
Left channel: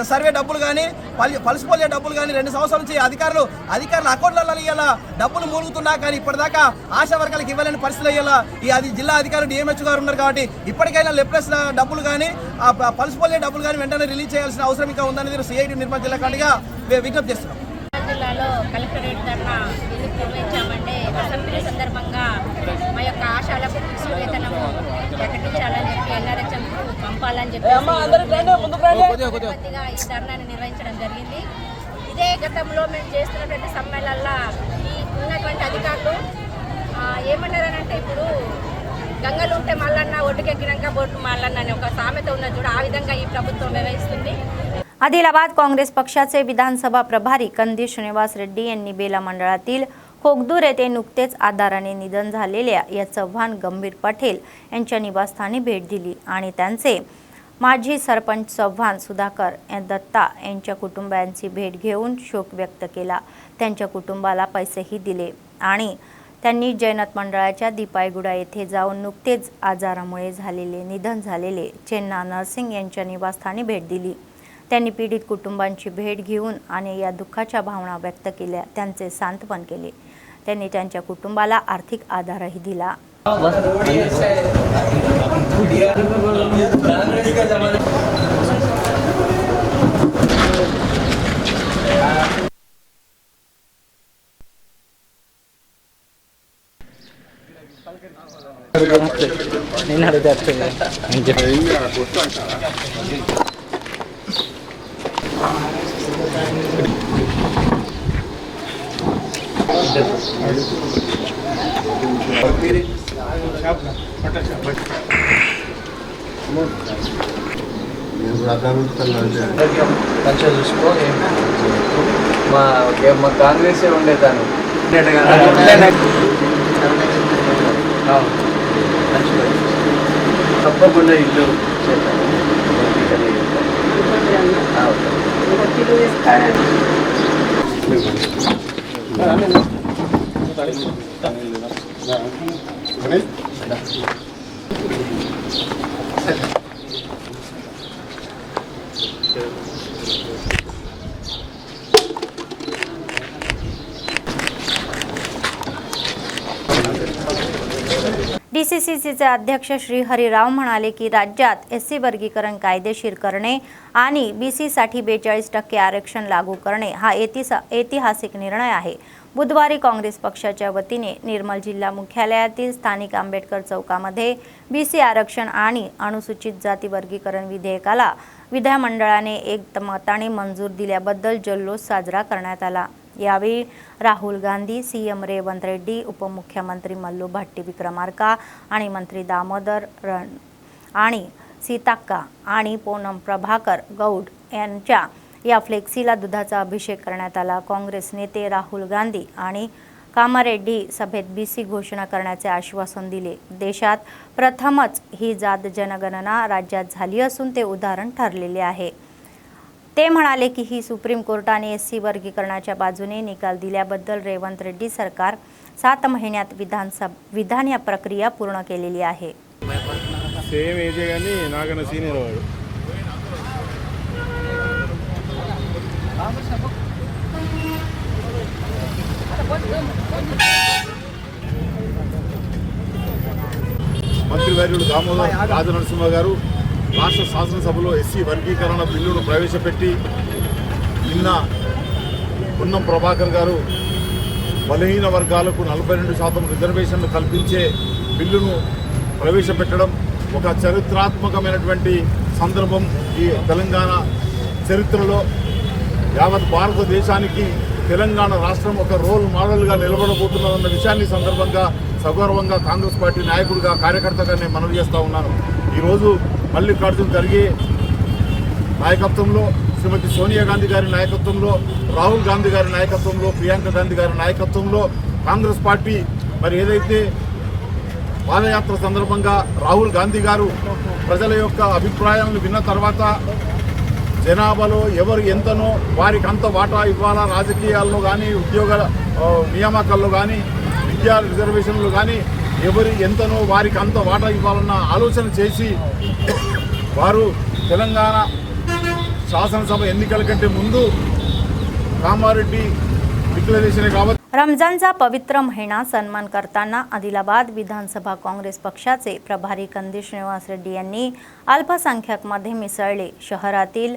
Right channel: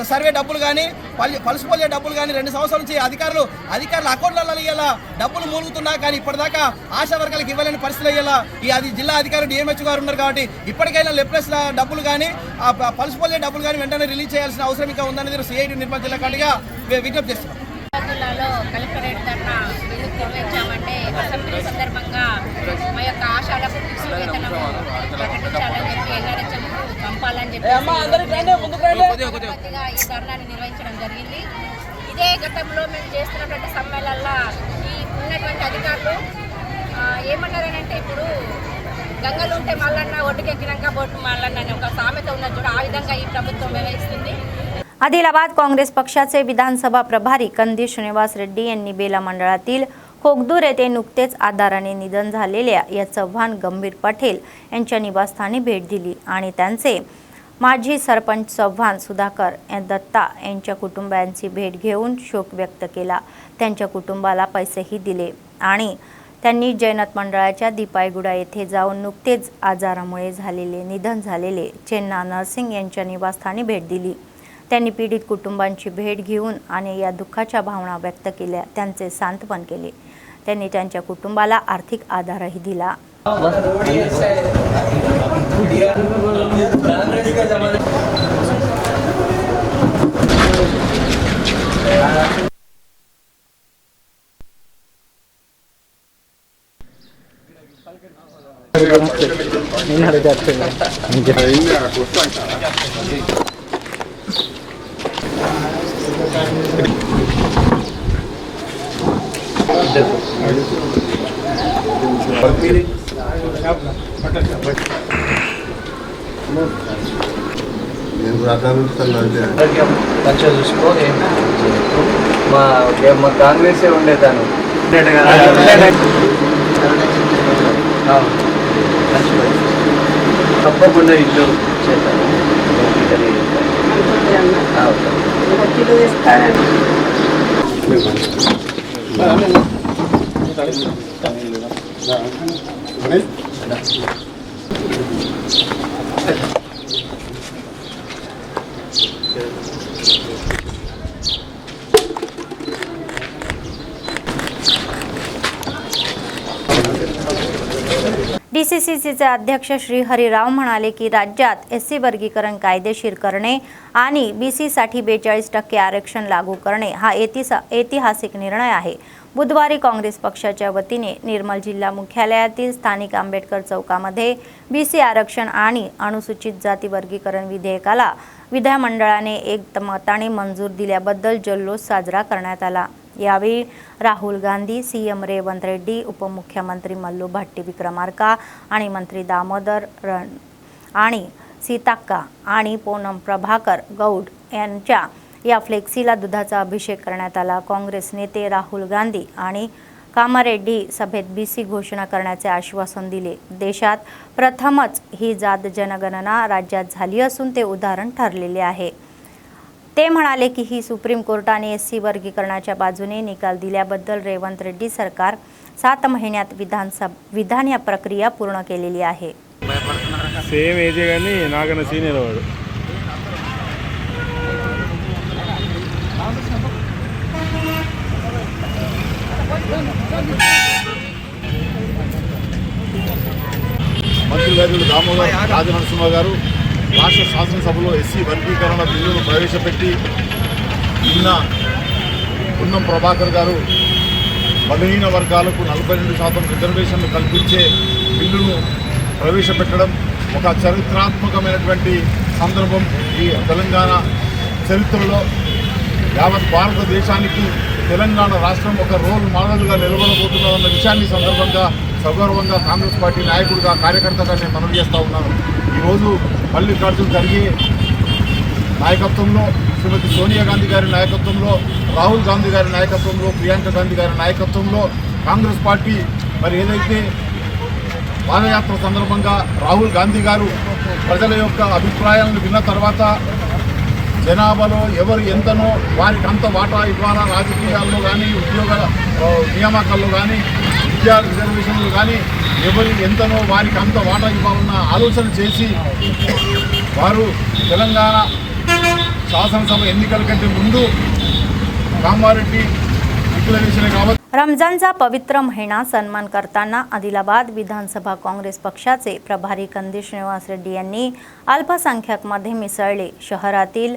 సర్వే డబ్బులు కానీ పల్స్ పోలియో డబ్బులు కానీ 2 సంవత్సరాల నుంచి అధికారుల అకౌంట్లలో ఇలా డబ్బులు మూలుగుతున్నా కానీ ఇప్పటిదాకా ఆశా వర్గాలకు ఇవ్వలేని పరిస్థితులు ఇలా అది జిల్లా అధికారులు DMH గారు ఉన్నారు। కాబట్టి ఇప్పటికైనా లెప్రెస్ డబ్బులు కానీ పల్స్ పోలియో డబ్బులు కానీ వెంటనే రిలీజ్ చేయాల్సిన అవసరం ఇంకా ఉందనేది CITU నిర్మల్ జిల్లా కాడిగా విజ్ఞప్తి చేస్తున్నాం। జిల్లాలో కలెక్టరేట్ ధర్నా ఎందుకు నిర్వహించామంటే అసెంబ్లీ సందర్భంగా మా యొక్క ఆశాలకు ఫిక్స్డ్ వేతనం ప్రకటించాలని చెప్పి NRHM పంపాలని చెప్పి ఈ ధర్నాన్ని నిర్వహించడం జరిగింది। ఇదే గతంలో మేము చేస్తున్నటువంటి సమ్మేళనలో ఈ ఉన్నటువంటి అధికారులు ఏమన్నారనంటే ఇప్పుడు గంగలు ఉంటే మల్లన్న ఒడ్డుకెక్కినాక బొట్టు మల్లన్న అనే ఒక సామెత ఉన్నది చూడ, ఆ విధంగా ఈ ప్రభుత్వం వ్యవహరిస్తుంది। आदिलाबाद काँग्रेस पक्षाचे विधानसभा प्रभारी कंदी श्रीनिवास रेड्डी यांनी बेला मंडळातील कोगदूर येथे नुकतेच आधाराने निधन झालेल्या या चव्हाण गंभीर पटेल यांच्या निवासस्थानी भेट दिली आणि त्यांचे माजी सरपंच चव्हाण सुधाकर दत्ता यांच्या कुटुंबियांची भेट घेऊन शोक व्यक्त केला. त्यांच्या कुटुंबाला पैसेही दिले आणि त्यांनी जैनत मंडळाच्या दीपायगुडा येथे जाऊन नुकतेच आजारामुळे निधन झालेले चेन्ना नरसिंग यांच्या निवासस्थानी भेट दिली. त्यांनी पीडित कुटुंबांची भेट घेऊन आणि या दुःखाच्या भावना व्यक्त केल्या. त्यांचे सांत्वन केले. त्यांनी त्यांच्या कुटुंबाला आर्थिक आधारही दिला. మంచిగా చూసుకో. మా కాంగ్రెసే ఉండేదాను తప్పకుండా ఇల్లు చేస్తాను. DCCचे अध्यक्ष श्रीहरीराव म्हणाले की राज्यात SC वर्गीकरण कायदेशीर करणे आणि BC-साठी 42% आरक्षण लागू करणे हा ऐतिहासिक निर्णय आहे. बुधवारी काँग्रेस पक्षाच्या वतीने निर्मल जिल्हा मुख्यालयातील स्थानिक आंबेडकर चौकामध्ये BC आरक्षण आणि अनुसूचित जाती वर्गीकरण विधेयकाला विधानमंडळाने एकमताने मंजूर दिल्याबद्दल जल्लोष साजरा करण्यात आला. यावेळी राहुल गांधी, CM रेवंत रेड्डी, उपमुख्यमंत्री मल्लू भट्टी विक्रमार्का आणि मंत्री दामोदर आणि सीताक्का आणि पूनम प्रभाकर गौड यांच्या या फ्लेक्सीला दुधाचा अभिषेक करण्यात आला. काँग्रेस नेते राहुल गांधी आणि कामारेड्डी सभेत BC घोषणा करण्याचे आश्वासन दिले. देशात प्रथमच ही जात जनगणना राज्यात झाली असून ते उदाहरण ठरलेले आहे. ते म्हणाले की ही सुप्रीम कोर्टाने SC वर्गीकरणाच्या बाजूने निकाल दिल्याबद्दल रेवंत रेड्डी सरकार 7 महिन्यात विधान या प्रक्रिया पूर्ण केलेली आहे. సేమ్ ఏజే కానీ నాకన్నా సీనియర్ వాడు. మంత్రివర్యులు దామోదర్ రాజనరసింహ గారు రాష్ట్ర శాసనసభలో SC వర్గీకరణ బిల్లును ప్రవేశపెట్టి నిన్న పూనం ప్రభాకర్ గారు బలహీన వర్గాలకు 42% రిజర్వేషన్లు కల్పించే బిల్లును ప్రవేశపెట్టడం ఒక చరిత్రాత్మకమైనటువంటి సందర్భం. ఈ తెలంగాణ చరిత్రలో యావత్ భారతదేశానికి తెలంగాణ రాష్ట్రం ఒక రోల్ మోడల్గా నిలబడబోతున్నదన్న విషయాన్ని సందర్భంగా సగౌరవంగా కాంగ్రెస్ పార్టీ నాయకుడిగా కార్యకర్తగా నేను మనవి చేస్తూ ఉన్నాను. ఈరోజు మల్లికార్జున్ ఖర్గే నాయకత్వంలో, శ్రీమతి సోనియా గాంధీ గారి నాయకత్వంలో, రాహుల్ గాంధీ గారి నాయకత్వంలో, ప్రియాంక గాంధీ గారి నాయకత్వంలో కాంగ్రెస్ పార్టీ మరి ఏదైతే పాదయాత్ర సందర్భంగా రాహుల్ గాంధీ గారు ప్రజల యొక్క అభిప్రాయాలను విన్న తర్వాత జనాభాలో ఎవరు ఎంతనో వారికి అంత వాటా ఇవ్వాలా, రాజకీయాల్లో కానీ ఉద్యోగాల నియామకాల్లో కానీ విద్యా రిజర్వేషన్లు కానీ ఎవరు ఎంతనో వారికి అంత వాటా ఇవ్వాలన్న ఆలోచన చేసి వారు తెలంగాణ శాసనసభ ఎన్నికల కంటే ముందు కామారెడ్డి डिक्लेरेशन आहे. रमजानचा पवित्र महिना सन्मान करताना आदिलाबाद विधानसभा काँग्रेस पक्षाचे प्रभारी कंदी श्रीनिवास रेड्डी यांनी अल्पसंख्याकमध्ये मिसळले. शहरातील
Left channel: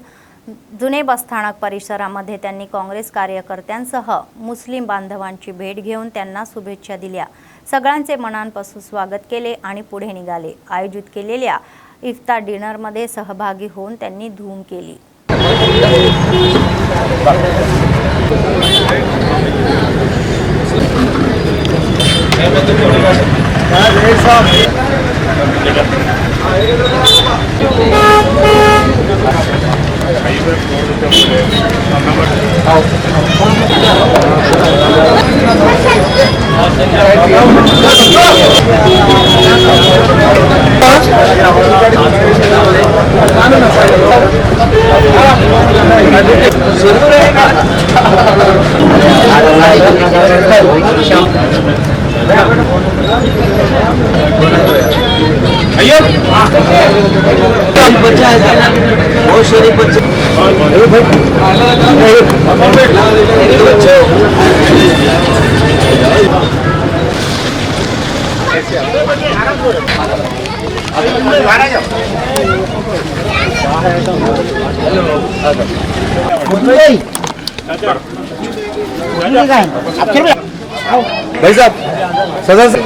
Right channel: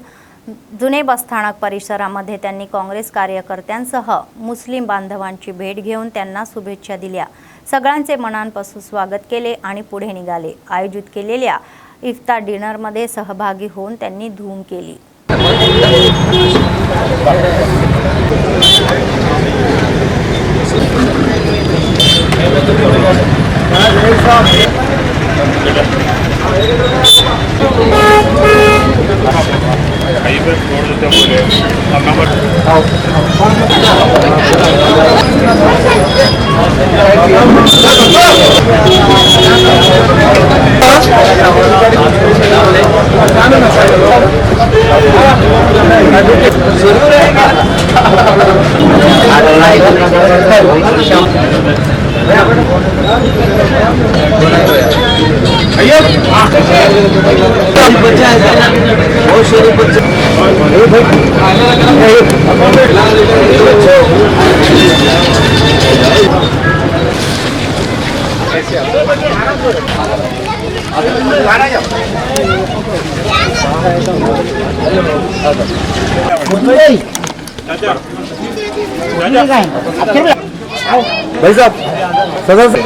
जुने बसस्थानक परिसरामध्ये त्यांनी काँग्रेस कार्यकर्त्यांसह मुस्लिम बांधवांची भेट घेऊन त्यांना शुभेच्छा दिल्या. सगळ्यांचे मनापासून स्वागत केले आणि पुढे निघाले. आयोजित केलेल्या इफ्तार डिनरमध्ये सहभागी होऊन त्यांनी धूम केली. भाई साहब सदस्य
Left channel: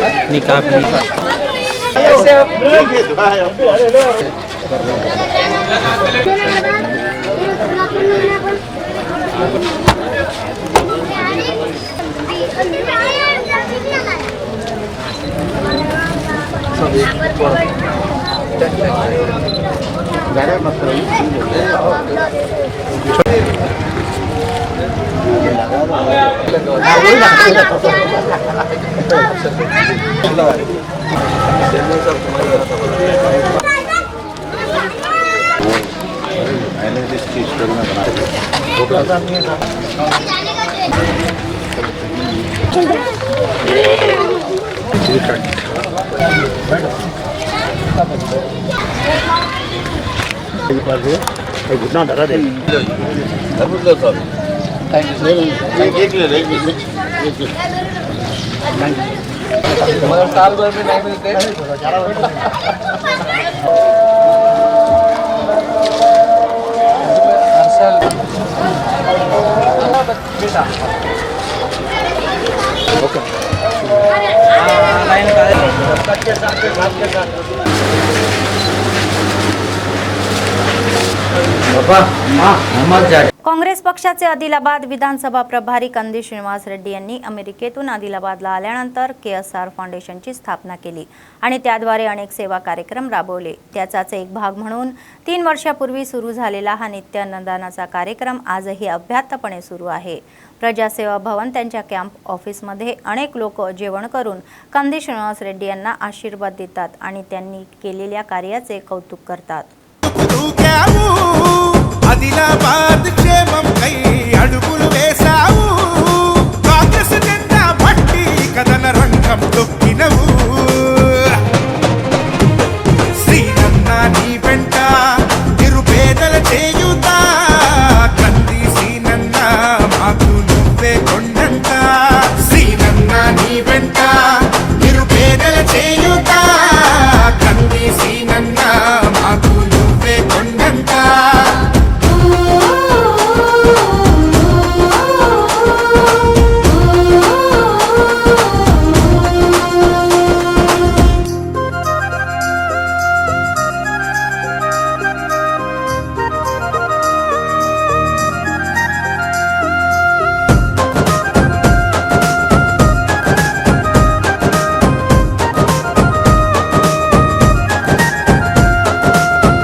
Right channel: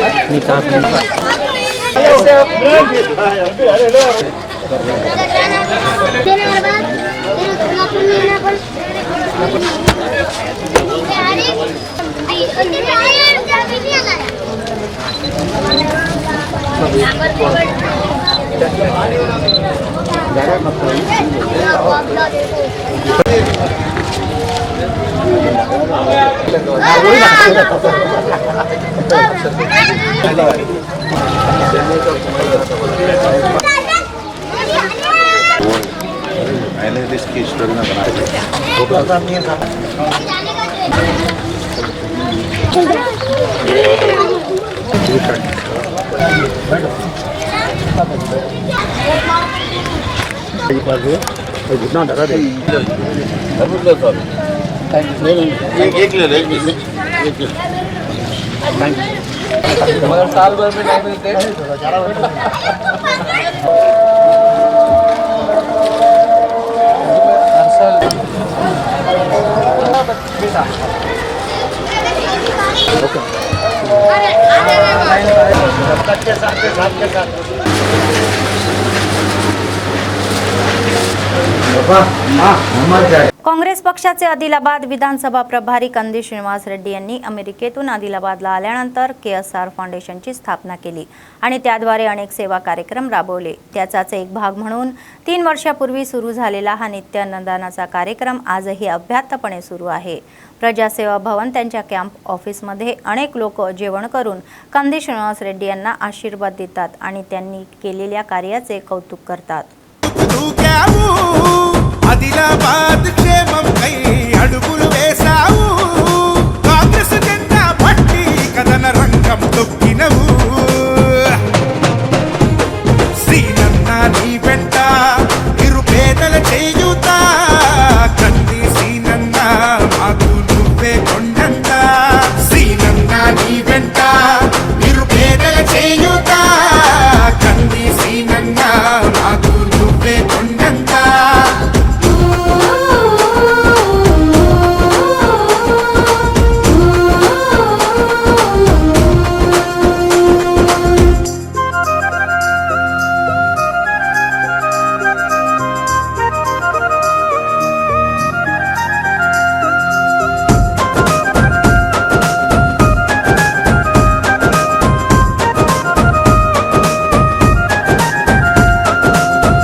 घुटना धरा दे मगर साल भर में नहीं मिलते। काँग्रेस पक्षाचे आदिलाबाद विधानसभा प्रभारी कंदी श्रीनिवास रेड्डी यांनी अमेरिकेतून आदिलाबादला आल्यानंतर KSR फाउंडेशनची स्थापना केली आणि त्याद्वारे अनेक सेवा कार्यक्रम राबवले। त्याचाच एक भाग म्हणून 3 वर्षापूर्वी सुरू झालेला हा नित्य अन्नदानाचा कार्यक्रम आजही अभ्यासपणे सुरू आहे। प्रजासेवा भवन त्यांच्या कॅम्प ऑफिसमध्ये अनेक लोक जेवण करून कंदी श्रीनिवास रेड्डी यांना आशीर्वाद देतात आणि त्यांनी केलेल्या कार्याचे कौतुक करतात। ఆదిలాబాద్ క్షేమం కై అడుగులు వేసావు కాంగ్రెస్ జెండా పట్టి కదన రంగం తొక్కినవు శ్రీనన్న నీ వెంట నిరుపేదల చేయుతా కంది శ్రీనన్న మాకు నువ్వే కొండంత శ్రీనన్న నీ వెంట నిరుపేదల చేయుతా కంది శ్రీనన్న మాకు నువ్వే కొండంత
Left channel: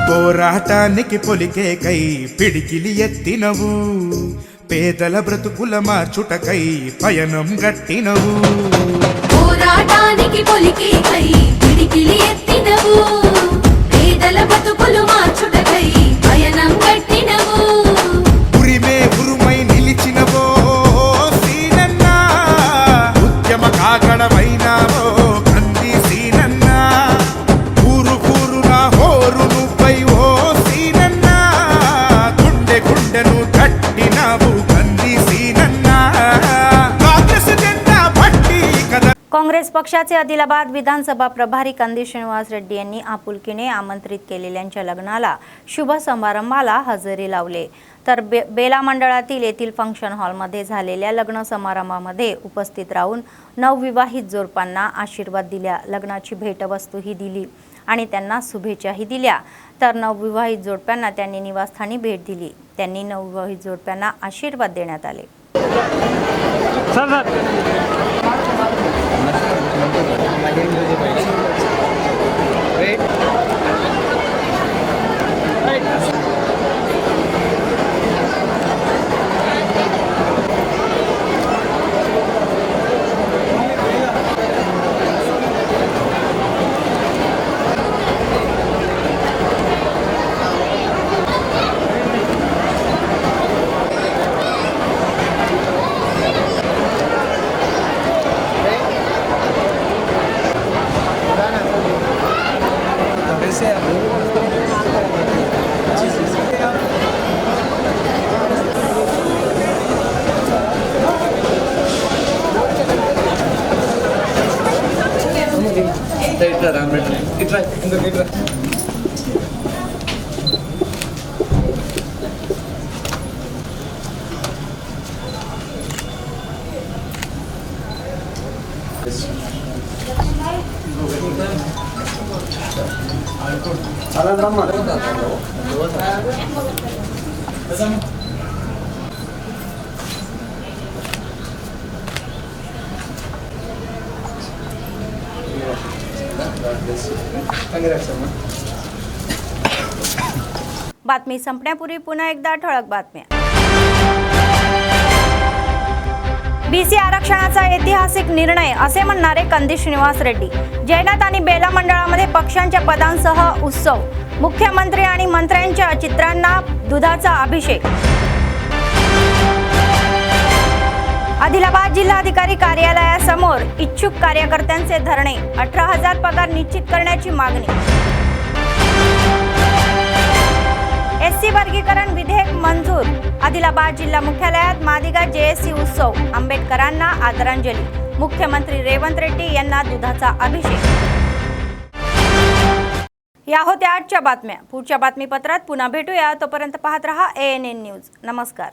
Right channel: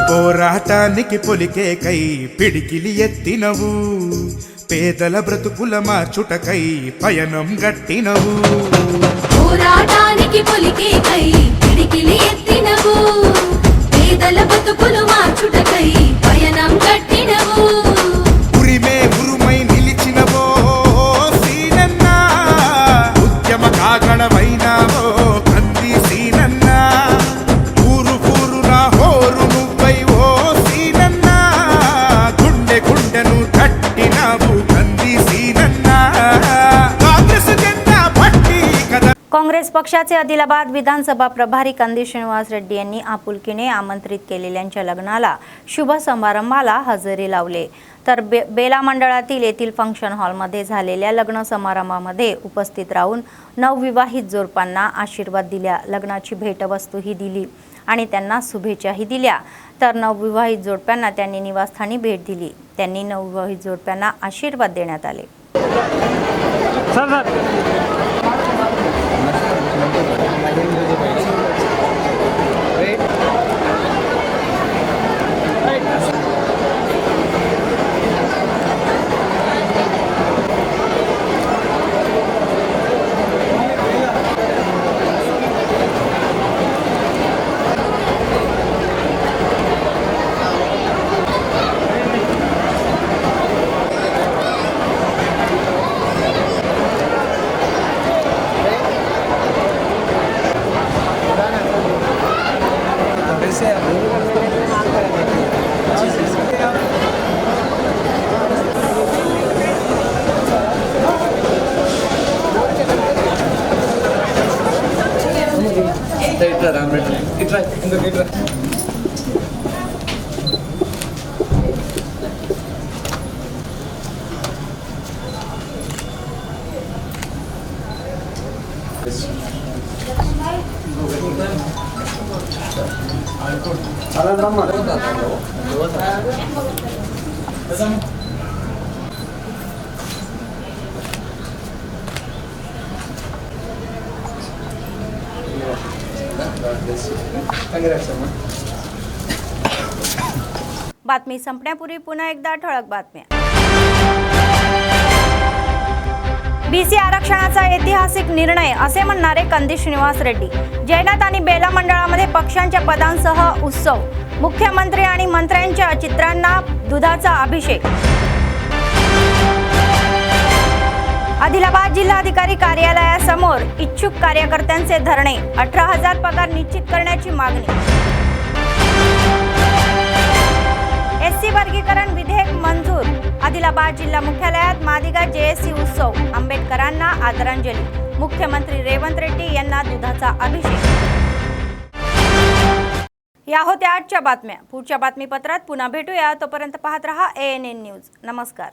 పోరాటానికి పొలికేకై పిడికిలి ఎత్తినవు పేదల బ్రతుకుల మార్చుటకై పయనం గట్టినవు పోరాటానికి పొలికేకై పిడికిలి ఎత్తినవు పేదల బ్రతుకులు మార్చుటకై పయనం గట్టినవు ఉరిమే ఉరుమై నిలిచినవో సీనన్న ఉద్యమ కాగడవైనావో కంది సీనన్న ఊరు ఊరున హోరు నువ్వై ఓ సీనన్న గుండె గుండెను తట్టినావు కంది సీనన్న కాంగ్రెస్ జెండా పట్టి కద काँग्रेस पक्षाचे आदिलाबाद विधानसभा प्रभारी कंदी श्रीनिवास रेड्डी यांनी आपुलकीने आमंत्रित केलेल्यांच्या लग्नाला शुभ समारंभाला हजेरी लावले। तर बेला मंडळातील येथील फंक्शन हॉलमध्ये झालेल्या लग्न समारंभामध्ये उपस्थित राहून नवविवाहित जोडप्यांना आशीर्वाद दिला, लग्नाची भेटवस्तूही दिली आणि त्यांना शुभेच्छाही दिल्या। तर नवविवाहित जोडप्यांना त्यांनी निवासस्थानी भेट दिली। त्यांनी नवविवाहित जोडप्यांना आशीर्वाद देण्यात आले। बातमी संपण्यापूर्वी पुन्हा एकदा ठळक बातम्या. बीसी आरक्षणाचा ऐतिहासिक निर्णय असे म्हणणारे कंदी श्रीनिवास रेड्डी. जैनात आणि बेला मंडळामध्ये पक्षांच्या पदांसह उत्सव. मुख्यमंत्री आणि मंत्र्यांच्या चित्रांना दुधाचा अभिषेक. आदिलाबाद जिल्हाधिकारी कार्यालयासमोर इच्छुक कार्यकर्त्यांचे धरणे. 18,000 पगार निश्चित करण्याची मागणी. एससी वर्गीकरण विधेयक मंजूर. आदिलाबाद जिल्हा मुख्यालयात मादिगा जेएससी उत्सव. आंबेडकरांना आदरांजली. मुख्यमंत्री रेवंत रेड्डी यांना दुधाचा अभिषेक. या होत्या आजच्या बातम्या. पुढच्या बातमीपत्रात पुन्हा भेटूया. तोपर्यंत पाहत रहा ANN न्यूज. नमस्कार.